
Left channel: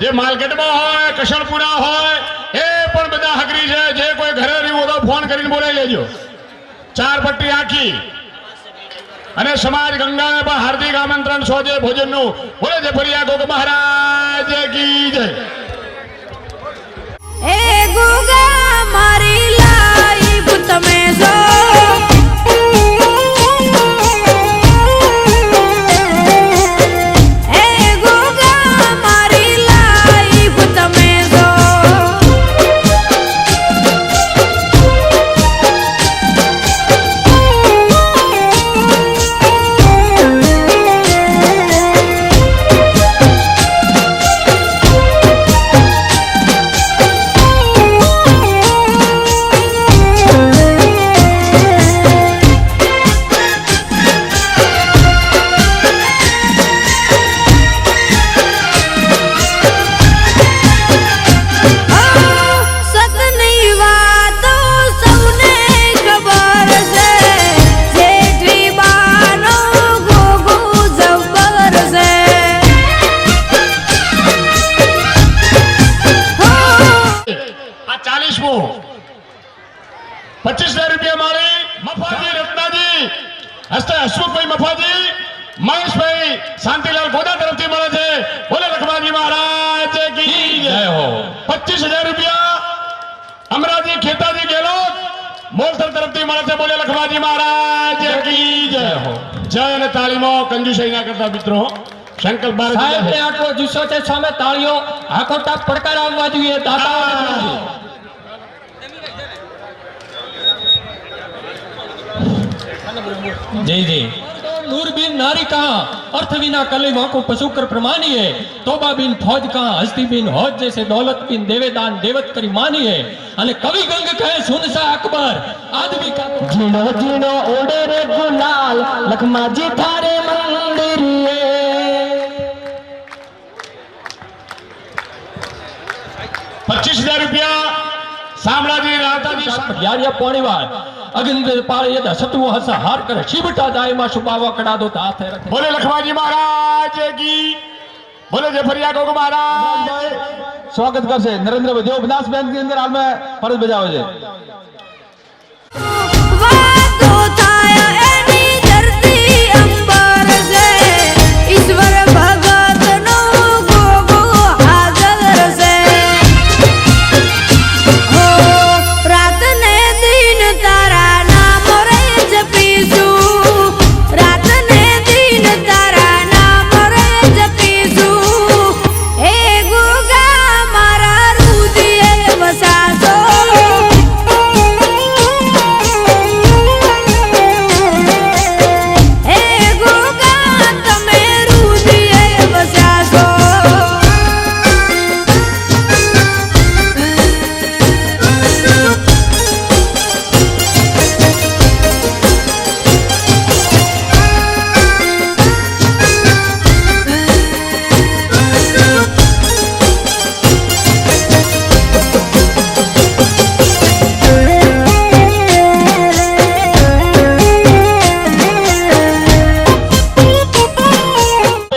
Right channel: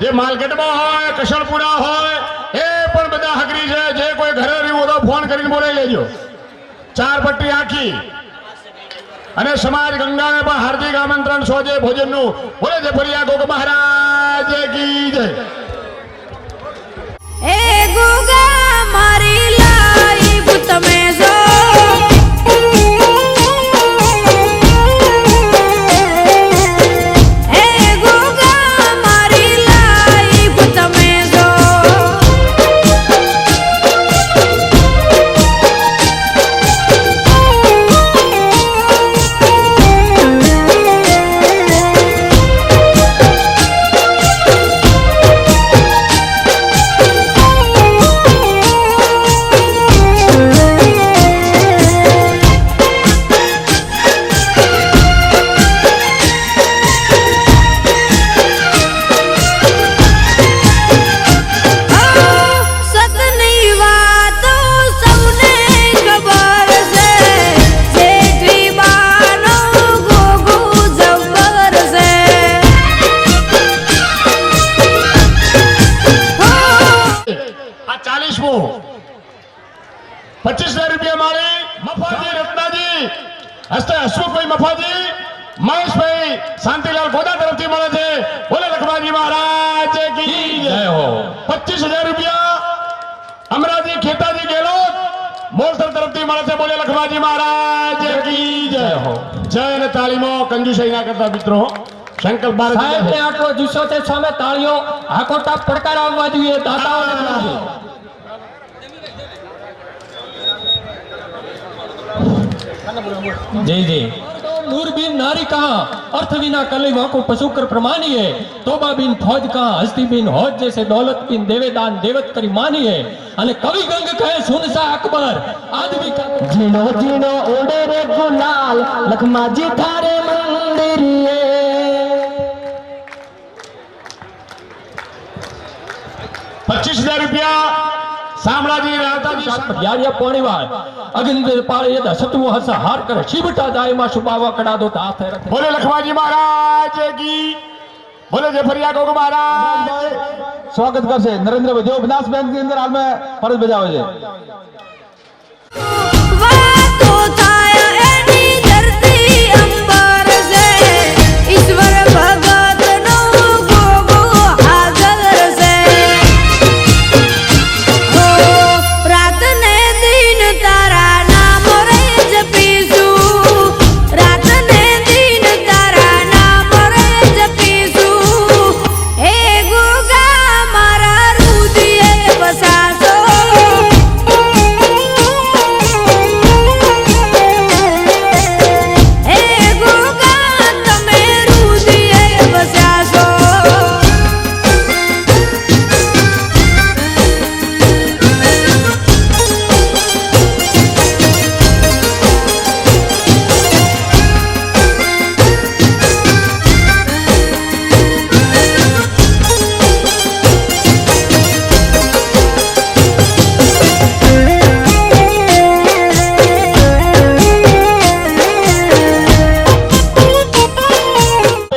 જે માર્કેટમાં હોય, કશણપુરા હોય, એ પણ બધા હગરી છે. જે કોઈ ઘરે રહ્યું તો ફોન કરીને બોલાવી લેજો. 4 પટ્ટી આખી અને સમાજ ગંગાને પણ હાર્દિક આમંત્રણ સોજે ભોજનનું. બોલે છે ફરિયા ગોગ મહારાજ કી જય. એ ગોગા મારી લાઈફ તમે છો. એ ગોગા મારી લાઈફ તમે છો. 40મો 25,000 રૂપિયા માળી મફાજી રત્નાજી હસ્તે હસમુખભાઈ મફાજી મહેશભાઈ શાંતિલાલ ગોદા તરફથી મળે છે. બોલે લખમાજી મહારાજ કી જય હો. 25,000 રૂપિયા અમરાજી ખેતાજી ગેલોત મોલસર તરફથી મળે છે. બોલે લખમાજી મહારાજ કી જય હો. જય અને તાળીમો કંજુસાઈ ના કરતા મિત્રો. સંકલ્પ સાહેબ ને ભારત આટલો જુસ્સો છે, સામે તાળીઓ આખો તાપ પડકાર આવવા જોઈએ દાતાઓને. જી જી नूर बिन नारी कहाँ अर्थ बिना कली को पशुकर प्रमानिए तोबा बिन फौज कहाँ हस्ती बिन हौज जैसे दौलत बिन देवेदान देवत करी मानिए अने कवि गंग कहे सुनसा अकबर आदमी का जीनो जीनो ओडे रे गुलाल लखमाजी थारे मंदिरिए 25,000 રૂપિયા શામળાજી રાવતાજી यारिया पाणीवाल अगिंद पाळे यदा सतु हस हार करे शिवटा दाय मा सुबावा कड़ा दो ता फेर બોલે લખમાજી મહારાજ કી. બોલે જફરિયા ગોગ મહારાજ. સ્વાગત કરશે નરેન્દ્રભાઈ જેઓ બનાસ બેંક ની અંદર હાલમાં ફરજ બજાવે છે. વાતો થાય એની ધરતી અંબર છે ઈશ્વર ભગત નો ગોગો હાજર છે હો રાત ને દિન તારા નામ રે જપીશું રાત ને દિન તારા નામ રે જપીશું હે ગોગા મારા રુદિયે વસાસો હે ગોગા તમે રુદિયે વસાસો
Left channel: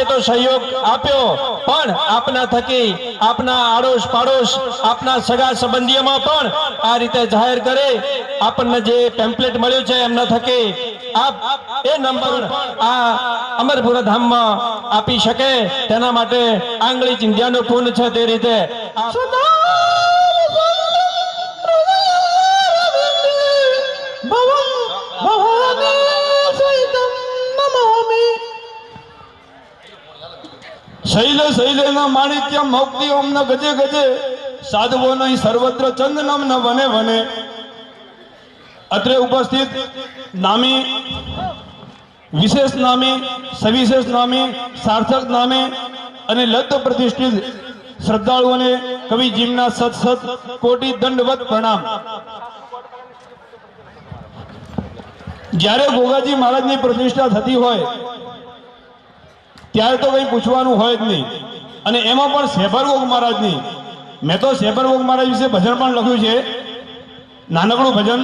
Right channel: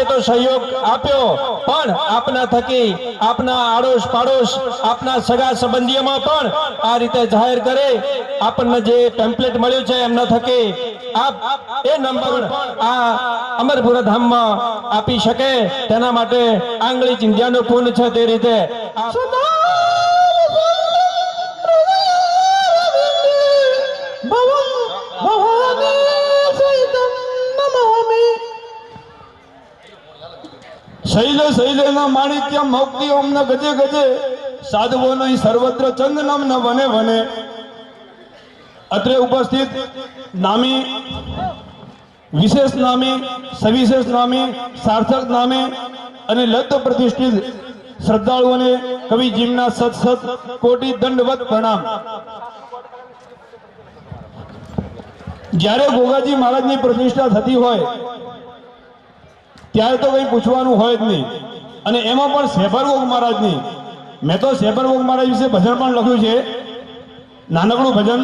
તો સહયોગ આપ્યો પણ આપના થકી આપના આડોશ પાડોશ આપના સગા સંબંધીઓમાં પણ આ રીતે જાહેર કરે આપણને જે ટેમ્પલેટ મળ્યું છે એમના થકી આપ એ નંબર આ અમરપુરા ધામમાં આપી શકે તેના માટે આંગળી ચિંધ્યાનું પૂર્ણ છે તે રીતે શૈલે શૈલેના માણિક્ય મૌક્તિ ઓમના ગજે ગજે સાધવો નહીં સર્વત્ર ચંદનમ ન વને વને. અત્રે ઉપસ્થિત નામી વિશેષ નામી સવિશેષ નામી સાર્થક નામી અને લબ્ધ પ્રતિષ્ઠિત શ્રદ્ધાળુઓને કવિ જીમના સત સત કોટી દંડવત પ્રણામ. જ્યારે ગોગાજી મહારાજની પ્રતિષ્ઠા થતી હોય ત્યારે તો કંઈ પૂછવાનું હોય જ નહીં. અને એમાં પણ શેભરગોગ મહારાજની મેં તો શેભરગોગ મહારાજ વિશે ભજન પણ લખ્યું છે, નાનકડું ભજન.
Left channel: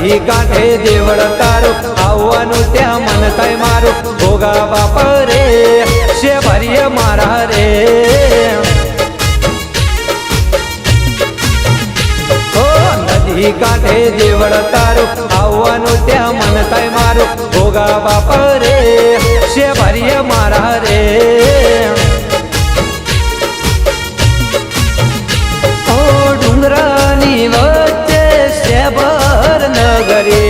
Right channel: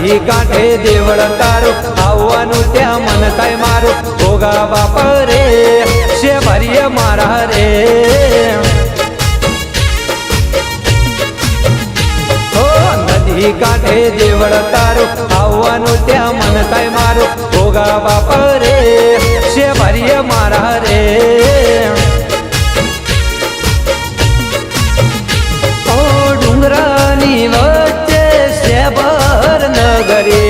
નદી કાંઠે દેવળ તારું આવવાનું ત્યાં મન થાય મારું ભોગા બાપ રે છે ભરીએ મારા રે ઓ નદી કાંઠે દેવળ તારું આવવાનું ત્યાં મન થાય મારું ભોગા બાપ રે છે ભરીએ મારા રે ઓ ડુંગરાની વચ્ચે શેભર નગરે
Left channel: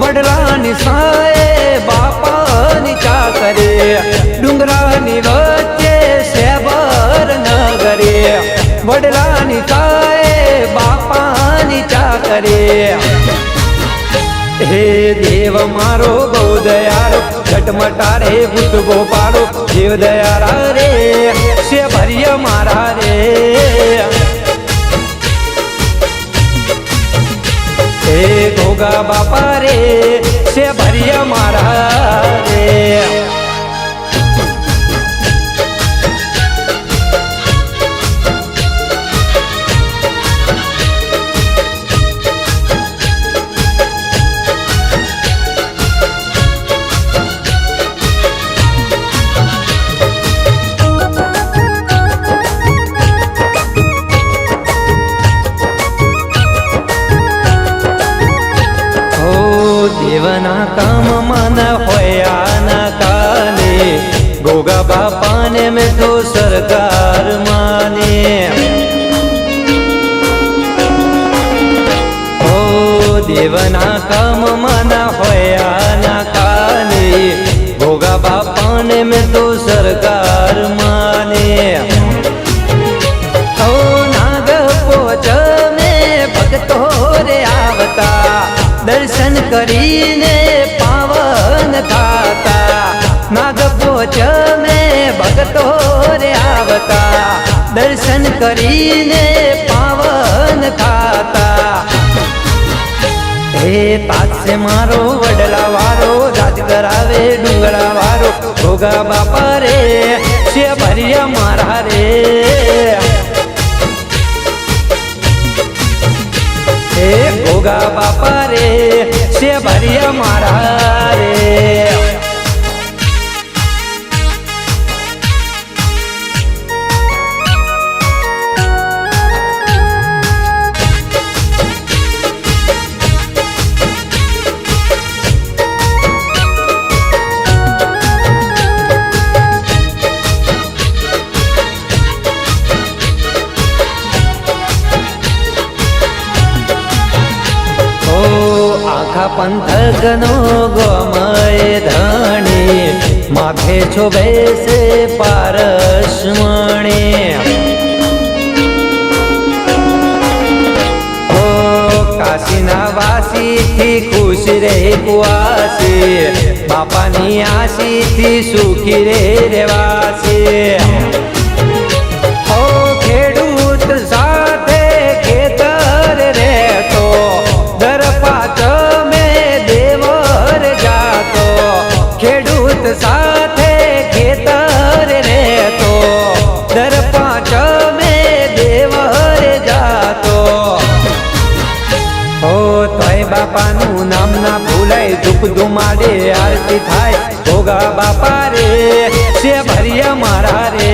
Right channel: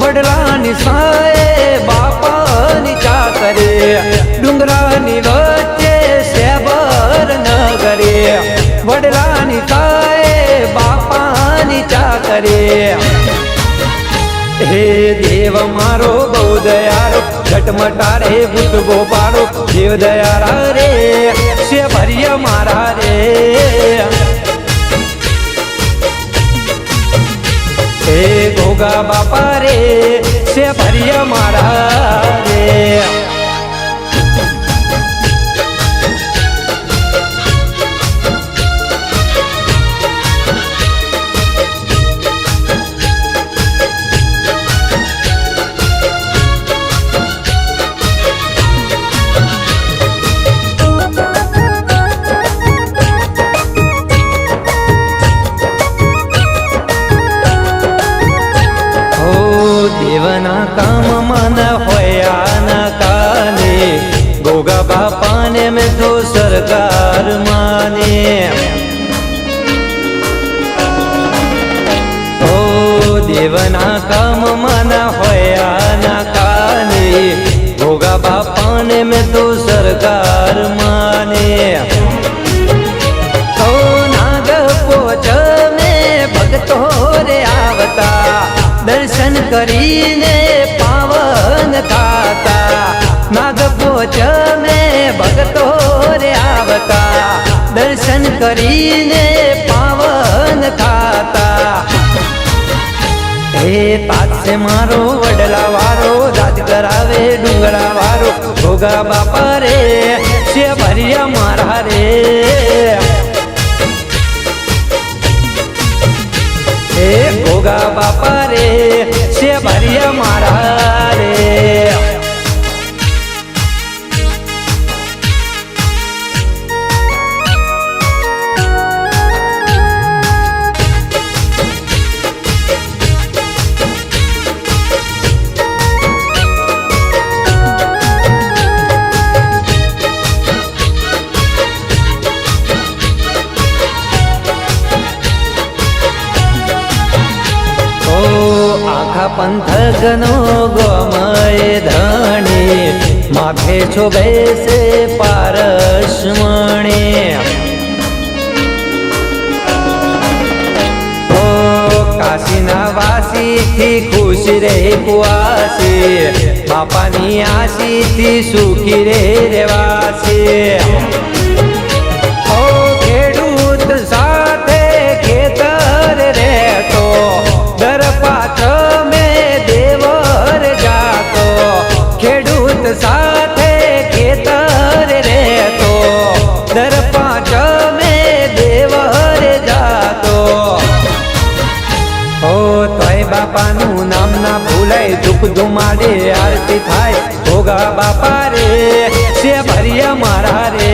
વડલાની સાએ બાપાની ચાકરે ડુંગરાની વચ્ચે શેભર નગરે વડલાની સાએ બાપાની ચાકરે હે દેવ મારો બહુ દયાળો ઝટમટારે ભૂત ગોપાળો દેવ દયાળા રે શેભર્ય મારા રે ગોગા બાપા રે છે ભરિયા મારા રે દેવના કામમાં ન હોયા ના કાને ગોગા બાપાને મેં તો સરકાર માને ઓ દેવના કામમાં ન હોયા ના કાને ગોગા બાપાને મેં તો સરકાર માને ઓ નાગ પોચ મેં ભક્તો રે આવતા દર્શન કરીને પાવન થાતા નાગપોચ મેં ભક્તો રે આવતા દર્શન કરીને પાવન થાતા હે તાજસે મારો વડલા વારો રાજ કરાવે ડુંગરા વારો ગોગા બાપા રે છે ભરિયા મારા રે હે ગોગા બાપા રે છે ભરિયા મારા રે આખા પંથકનો ગોમય ધણી માથે છો બેસે પારસમણી ઓ કાશીના વાસીથી ખુશ રે કુવાસી બાપાની આશીથી સુખી રે રેવાસી ઓ ખેડૂત સાથે ખેતર રહેતો દર પાક મેં દેવર જાતો ખેડૂત સાથે ખેતર રહેતો દર પાંચ મેં દેવર જાતો ઓ તોય બાપાનું નામ ના ભૂલાય ધૂપ ધુમાડે આરતી થાય ગોગા બાપા રે છે ભરિયા મારા રે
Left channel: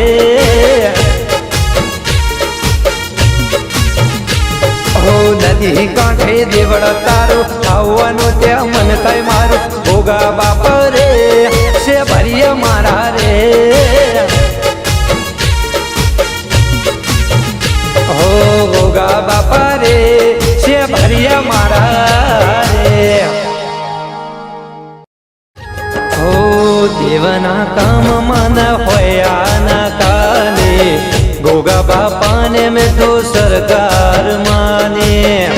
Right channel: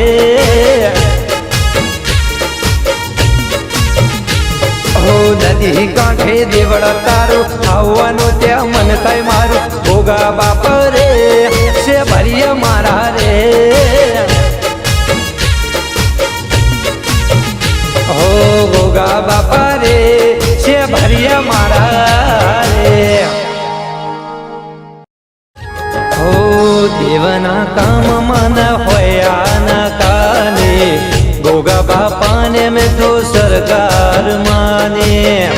નદી કાંઠે દેવળ તારું આવવાનું ત્યાં મન થાય મારું ગોગા બાપા રે છે ભરિયા મારા રે હો ગોગા બાપા રે છે ભરિયા મારા રે હો દેવના કામમાં ન હોયા ના કાને ગોગા બાપાને મેં તો સરકાર માને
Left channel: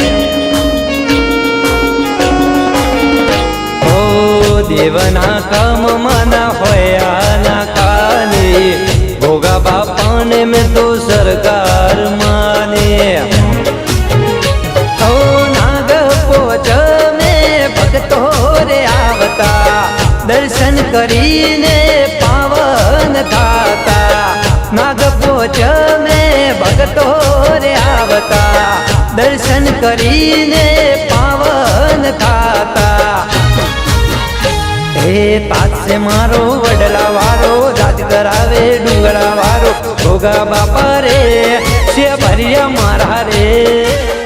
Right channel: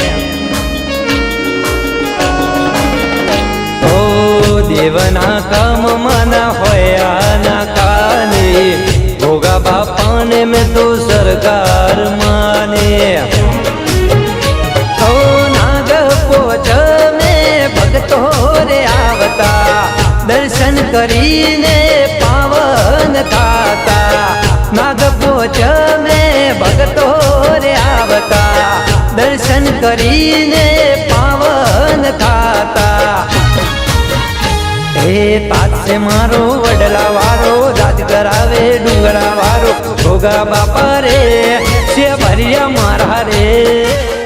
ઓ દેવના કામમાં ન હોયા ના કાને ગોગા બાપાને મેં તો સરકાર માને ઓ નાગ પોચ મેં ભક્તો રે આવતા દર્શન કરીને પાવન થાતા નાગપોચ મેં ભક્તો રે આવતા દર્શન કરીને પાવન થાતા હે તાજસે મારો વડલા વારો રાજ કરાવે ડુંગરા વારો ગોગા બાપા રે છે ભરિયા મારા રે